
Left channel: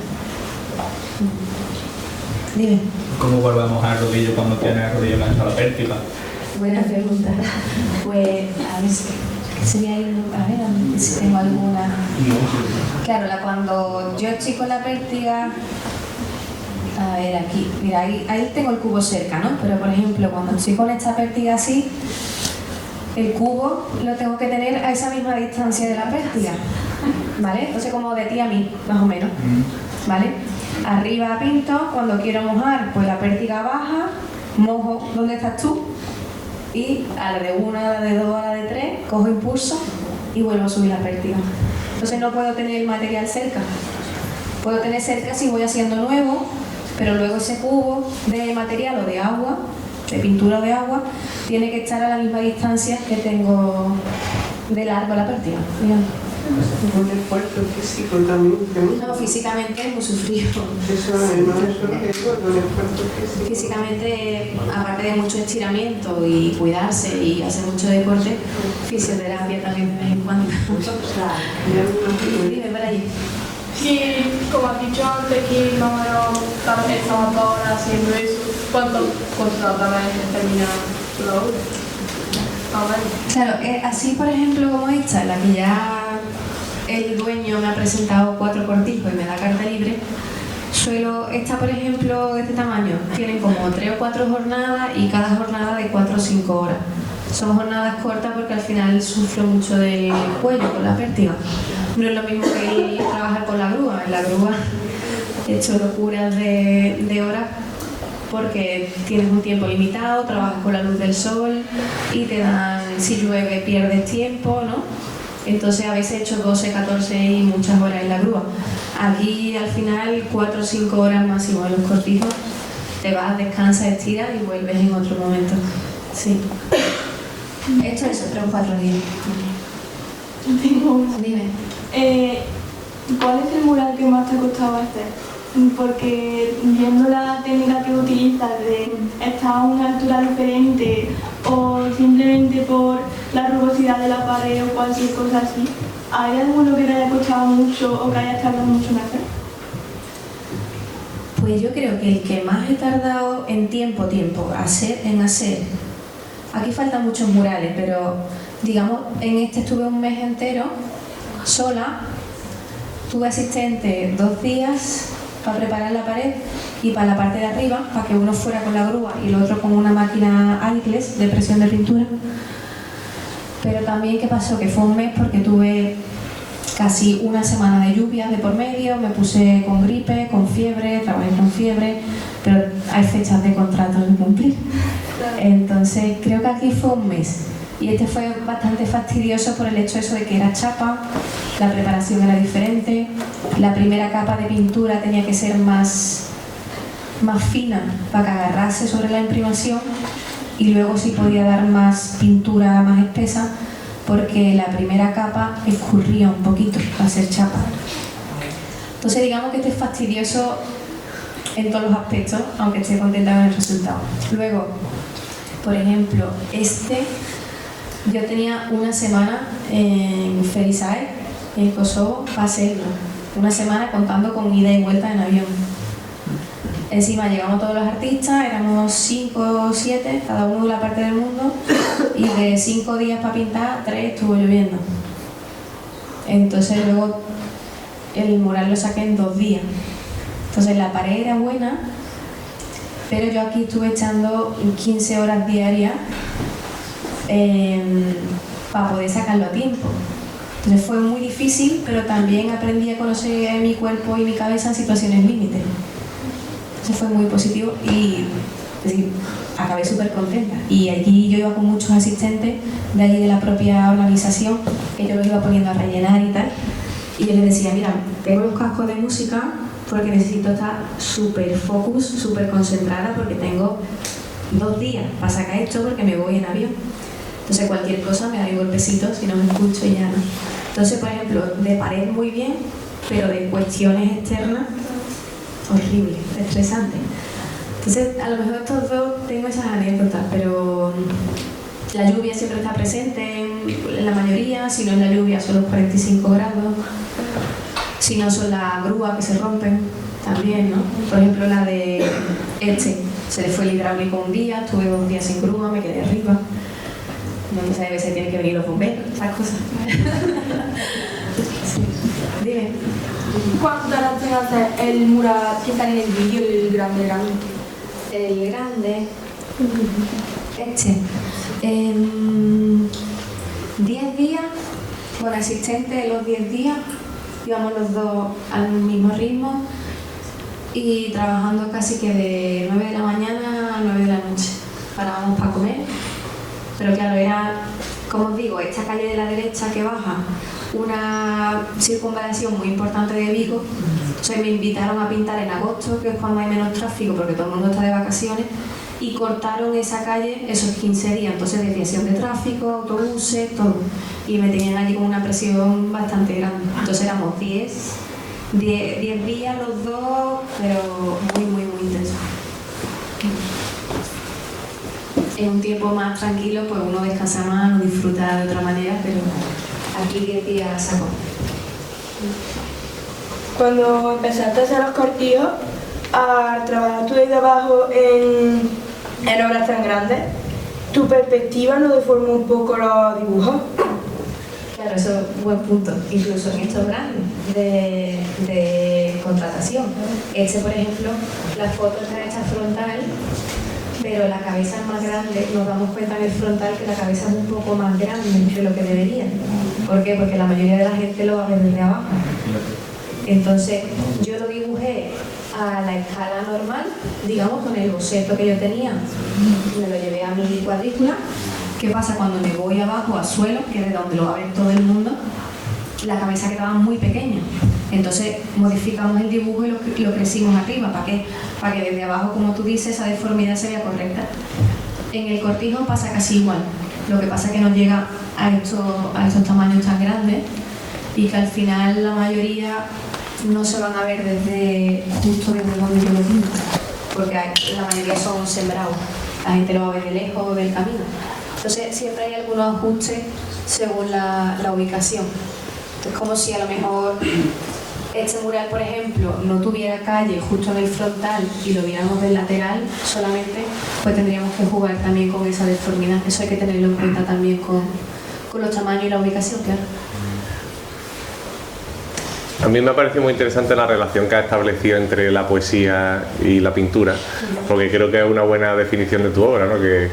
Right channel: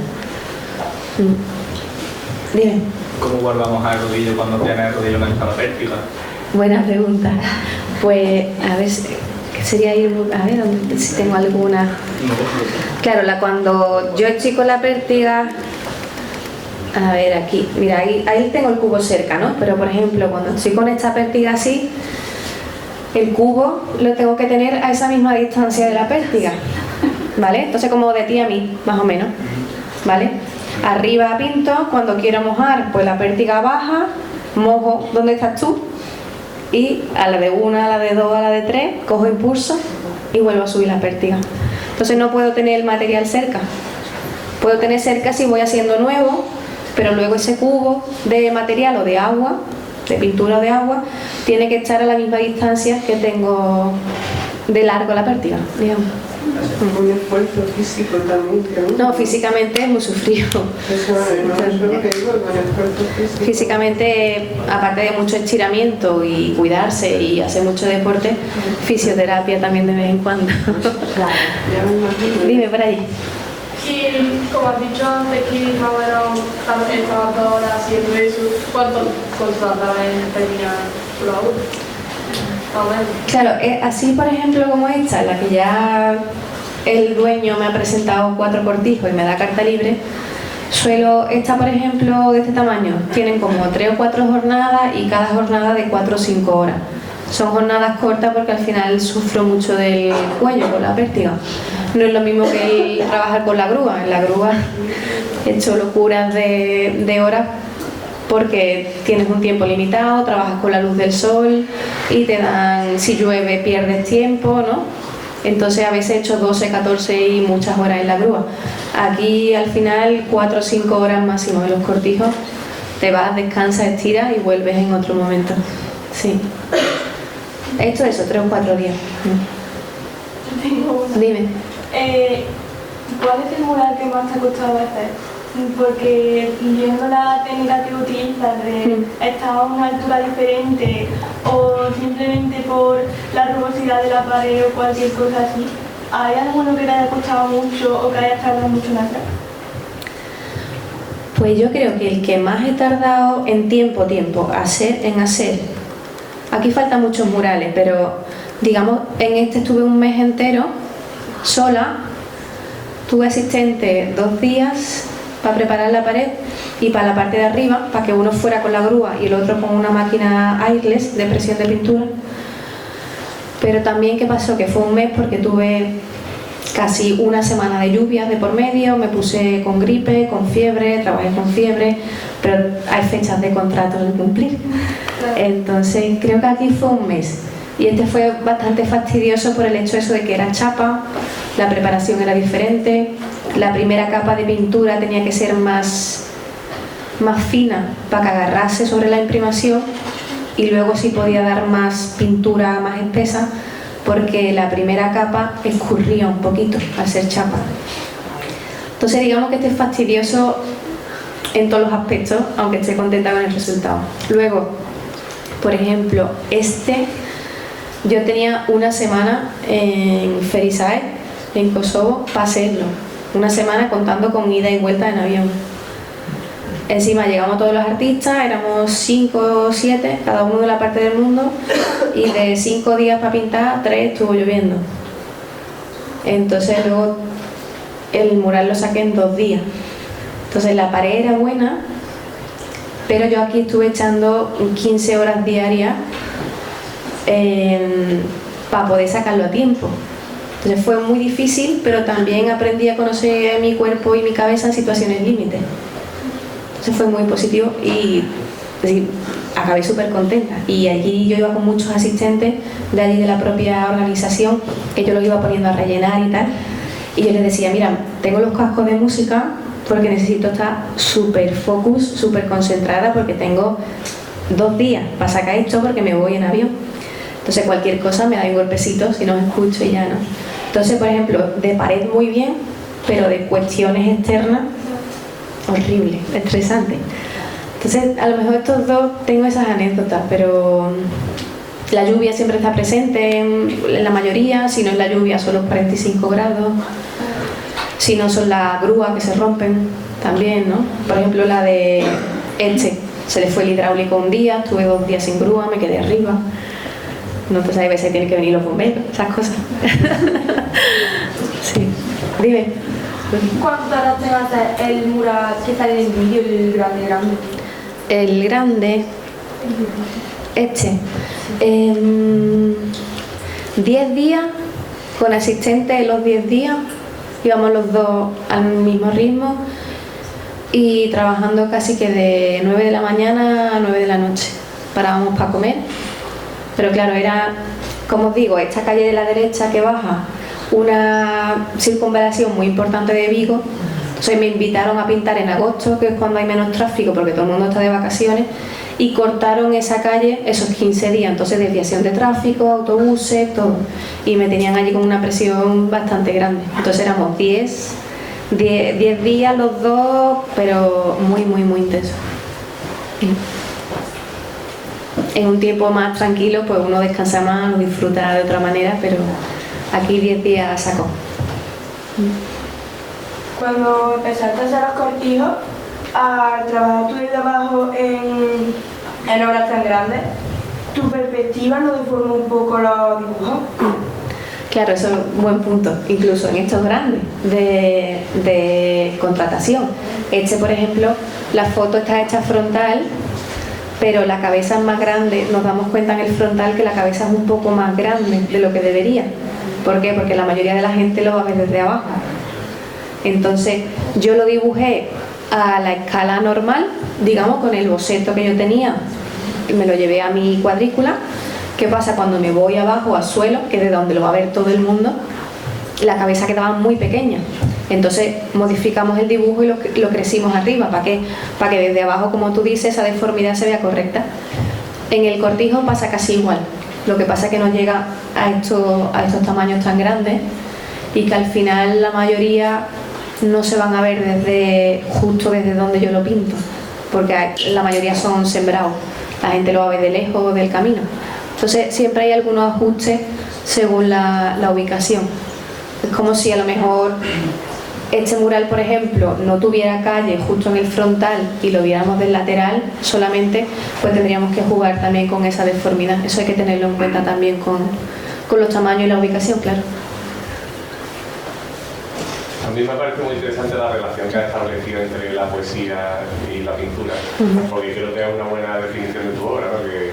Dime. ¿Cómo guardamos al rodillo cuando tiene el rodillo manchado pértiga? Buena pregunta. Pues a ver, ¿qué sería ahí? A ver si tengo alguna. Claro, cuando yo estoy con la pértiga, a ver aquí, mira, ahí tengo el cubo cerca, ¿no? Pero por ejemplo, cuando estoy con esta pértiga así, el cubo lo tengo que tener a esa misma distancia de la pértiga, ¿vale? Entonces como de ti a mí, más o menos, ¿vale? Arriba pinto, cuando quiero mojar, pues la pértiga baja, mojo donde estás tú, y a la de 1, a la de 2, a la de 3, cojo impulso y vuelvo a subir la pértiga. Entonces no puedo tener el material cerca. Puedo tener cerca si voy haciendo nuevo, pero luego ese cubo de material o de agua, de pintura o de agua, tiene que estar a la misma distancia que tengo de largo la pértiga, digamos. Un esfuerzo físico también, creo. No, físicamente es muy sufrido. Eso no es lo que digo, un esfuerzo físico. Físicamente, aparte de mucho estiramiento y cuidarse y hacer mucho deporte, fisioterapia también de vez en cuando. Claro. Ya me imagino. Dime por allí. Y como has dicho antes que más o menos estabas 2 horas haciendo eso, ¿cuánto tardaba en terminar la obra? Claro, así por ejemplo como esta, en la que ya el dueño me ha presentado 4 cortijos y me da carta libre, esta por ejemplo de este tamaño, tienen como 3 o 4 jornadas y cada jornada de 4 o 5 horas. Son jornadas cortas porque al final sufro mucho del cuello con la pértiga. No es lo mismo que el trabajar con la grúa. En la grúa he hecho locuras de horas porque tienes un tiempo limitado, trabajas con la luz del sol y te dan, si llueve pierdes tiempo, ¿no? Entonces a veces he hecho 12, 14 y muchas horas en la grúa. Aquí al final 4 o 5 horas máximo en los cortijos, te vas, descansas, estiras y vuelves en otro momento. Sí. He hecho eso, 3 o 4 días. Tengo una. Dime. ¿Cuál es el mural que más te ha costado hacer? Porque viendo la técnica que utilizas de estar a una altura diferente o simplemente por la rugosidad de la pared o cualquier cosa así, ¿hay alguno que te haya costado mucho o que hayas tardado mucho en hacer? Pues yo creo que el que más he tardado en tiempo, en hacer, aquí faltan muchos murales, pero digamos en este estuve un mes entero sola, tuve asistente 2 días para preparar la pared y para la parte de arriba, para que uno fuera con la grúa y el otro con una máquina airless de presión de pintura. Pero también, ¿qué pasó? Que fue un mes porque tuve casi una semana de lluvias de por medio, me puse con gripe, con fiebre, trabajé con fiebre, pero hay fechas de contratos de cumplir. Entonces creo que aquí fue un mes. Y este fue bastante fastidioso por el hecho eso de que era chapa, la preparación era diferente, la primera capa de pintura tenía que ser más fina para que agarrase sobre la imprimación y luego sí podía dar más pintura más espesa porque la primera capa escurría un poquito al ser chapa. Entonces digamos que este es fastidioso en todos los aspectos, aunque esté contenta con el resultado. Luego, por ejemplo, yo tenía una semana en Ferisae, en Kosovo, para hacerlo. Una semana contando con ida y vuelta en avión. Encima llegamos todos los artistas, éramos 5 o 7, cada uno de la parte del mundo, y de 5 días para pintar, 3 estuvo lloviendo. Entonces luego el mural lo saqué en 2 días. Entonces la pared era buena, pero yo aquí estuve echando 15 horas diarias para poder sacarlo a tiempo. Entonces fue muy difícil, pero también aprendí a conocer mi cuerpo y mi cabeza en situaciones límites. Eso fue muy positivo y sí, acabé súper contenta. Y allí yo iba con muchos asistentes de allí de la propia organización, que yo los iba poniendo a rellenar y tal. Y yo les decía, mira, tengo los cascos de música porque necesito estar súper focus, súper concentrada porque tengo 2 días para sacar esto porque me voy en avión. Entonces cualquier cosa me da un golpecito si no me escucho y ya no. Entonces, por ejemplo, de pared muy bien, pero de cuestiones externas, horrible, estresante. Entonces, a lo mejor estos 2 tengo esas anécdotas, pero la lluvia siempre está presente en la mayoría, si no es la lluvia son los 45 grados, si no son las grúas que se rompen también, ¿no? Por ejemplo, la de se le fue el hidráulico un día, estuve 2 días sin grúa, me quedé arriba. No, pues hay veces tienen que venir los bomberos, esas cosas. Sí. Dime. ¿Cuánto tardaste en hacer el mural que sale en el vídeo, el grande? El grande, 10 días, con asistente los 10 días, íbamos los 2 al mismo ritmo y trabajando casi que de 9 de la mañana a 9 de la noche. Parábamos para comer, pero claro, era, como os digo, esta calle de la derecha que baja, una circunvalación muy importante de Vigo, O sea, me invitaron a pintar en agosto, que es cuando hay menos tráfico porque todo el mundo está de vacaciones, y cortaron esa calle esos 15 días, entonces desviación de tráfico, autobuses, todo, y me tenían allí con una presión bastante grande. Entonces éramos 10 días los dos, pero muy intensos. En un tiempo más tranquilo, pues uno descansa más, lo disfruta de otra manera, pero aquí 10 días a saco. Cuando empezaste a hacer los cortijos, a trabajar tú desde abajo en obras tan grandes, ¿tu perspectiva no deformó un poco los dibujos? Claro, eso es un buen punto, incluso en estos grandes de contratación. Por ejemplo, la foto está hecha frontal, pero la cabeza es más grande. Nos damos cuenta en el frontal que la cabeza es un poco más grande de lo que debería. ¿Por qué? Porque la mayoría de la gente lo va a ver desde abajo. Entonces, yo lo dibujé a la escala normal, digamos, con el boceto que yo tenía, me lo llevé a mi cuadrícula. ¿Qué pasa? Cuando me voy abajo al suelo, que es de donde lo va a ver todo el mundo, la cabeza quedaba muy pequeña. Entonces modificamos el dibujo y lo crecimos arriba. ¿Para qué? Para que desde abajo, como tú dices, esa deformidad se vea correcta. En el cortijo pasa casi igual. Lo que pasa es que no llega a estos tamaños tan grandes y que al final la mayoría no se van a ver justo desde donde yo lo pinto, porque la mayoría son sembrados. La gente lo va a ver de lejos del camino. Entonces siempre hay algunos ajustes según la ubicación. Es como si a lo mejor este mural, por ejemplo, no tuviera calle justo en el frontal y lo viéramos del lateral solamente, pues tendríamos que jugar también con esa deformidad. Eso hay que tenerlo en cuenta también con los tamaños y la ubicación, claro. A mí me ha parecido muy interesante la relación que has establecido entre la poesía y la pintura, porque creo que es una buena definición de tu obra, ¿no? Que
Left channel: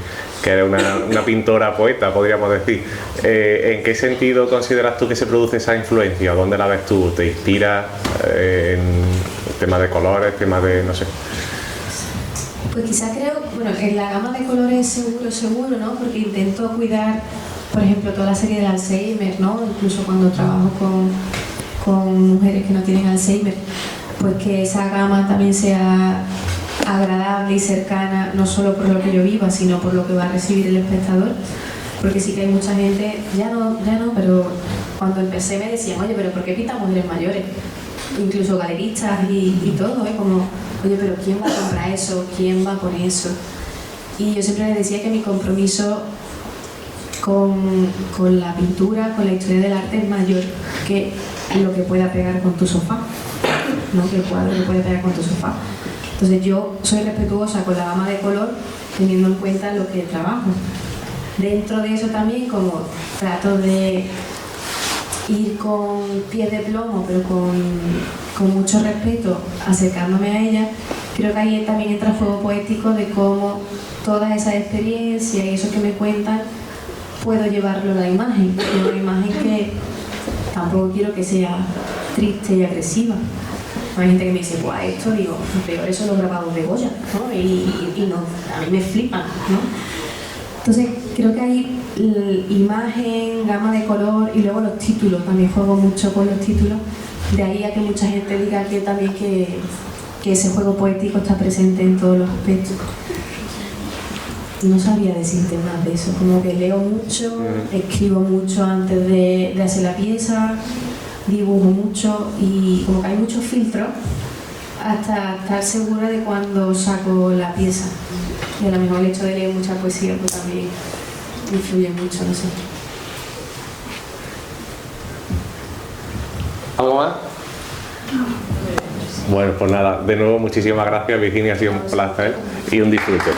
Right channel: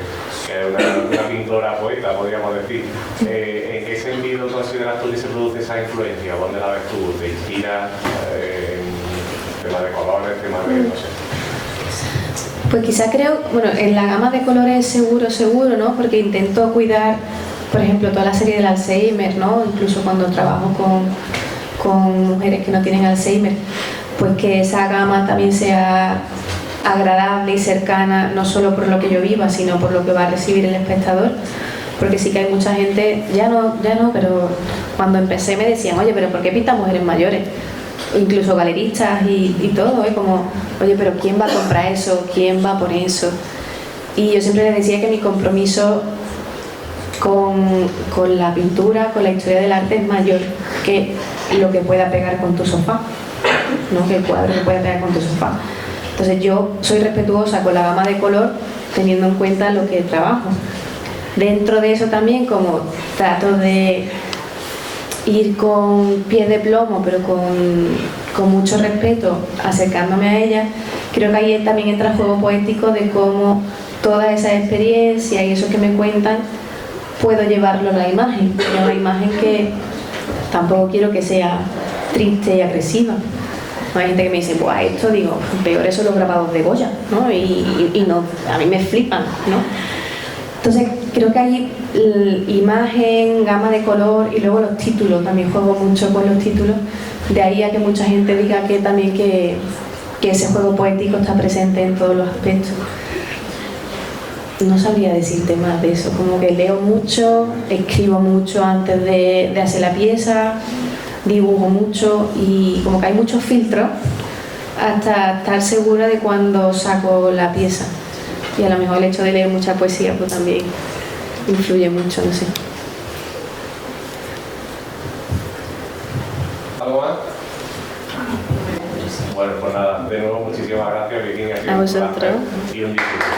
eres una pintora poeta, podríamos decir. ¿En qué sentido consideras tú que se produce esa influencia? ¿Dónde la ves tú? ¿Te inspira en temas de colores, temas de, no sé? Pues quizá creo, bueno, en la gama de colores seguro, ¿no? Porque intento cuidar, por ejemplo, toda la serie del Alzheimer, ¿no? Incluso cuando trabajo con mujeres que no tienen Alzheimer, pues que esa gama también sea agradable y cercana, no solo por lo que yo viva, sino por lo que va a recibir el espectador. Porque sí que hay mucha gente, ya no, pero cuando empecé me decían, oye, pero ¿por qué pintas mujeres mayores? Incluso galeristas y todo, como, oye, pero ¿quién va a comprar eso? ¿Quién va a poner eso? Y yo siempre les decía que mi compromiso con la pintura, con la historia del arte es mayor que lo que pueda pegar con tu sofá, no que el cuadro que pueda pegar con tu sofá. Entonces yo soy respetuosa con la gama de color teniendo en cuenta lo que trabajo. Dentro de eso también, como trato de ir con pies de plomo, pero con mucho respeto, acercándome a ella, creo que ahí también entra el juego poético de cómo toda esa experiencia y eso que me cuentan puedo llevarlo a la imagen, a una imagen que tampoco quiero que sea triste y agresiva. Hay gente que me dice, pues esto, digo, peor eso los grabados de Goya, ¿no? Y no, a mí me flipan, ¿no? Entonces creo que hay imagen, gama de color y luego los títulos, también juego mucho con los títulos, de ahí a que mucha gente diga que también que ese juego poético está presente en todos los aspectos. No sabría decirte más de eso, como que leo mucho, escribo mucho antes de hacer la pieza, dibujo mucho y como que hay muchos filtros hasta estar segura de cuando saco la pieza. Y a lo mejor el hecho de leer mucha poesía pues también influye mucho, no sé. ¿Algo más? Bueno, pues nada, de nuevo muchísimas gracias, Virginia, ha sido un placer y un disfrute.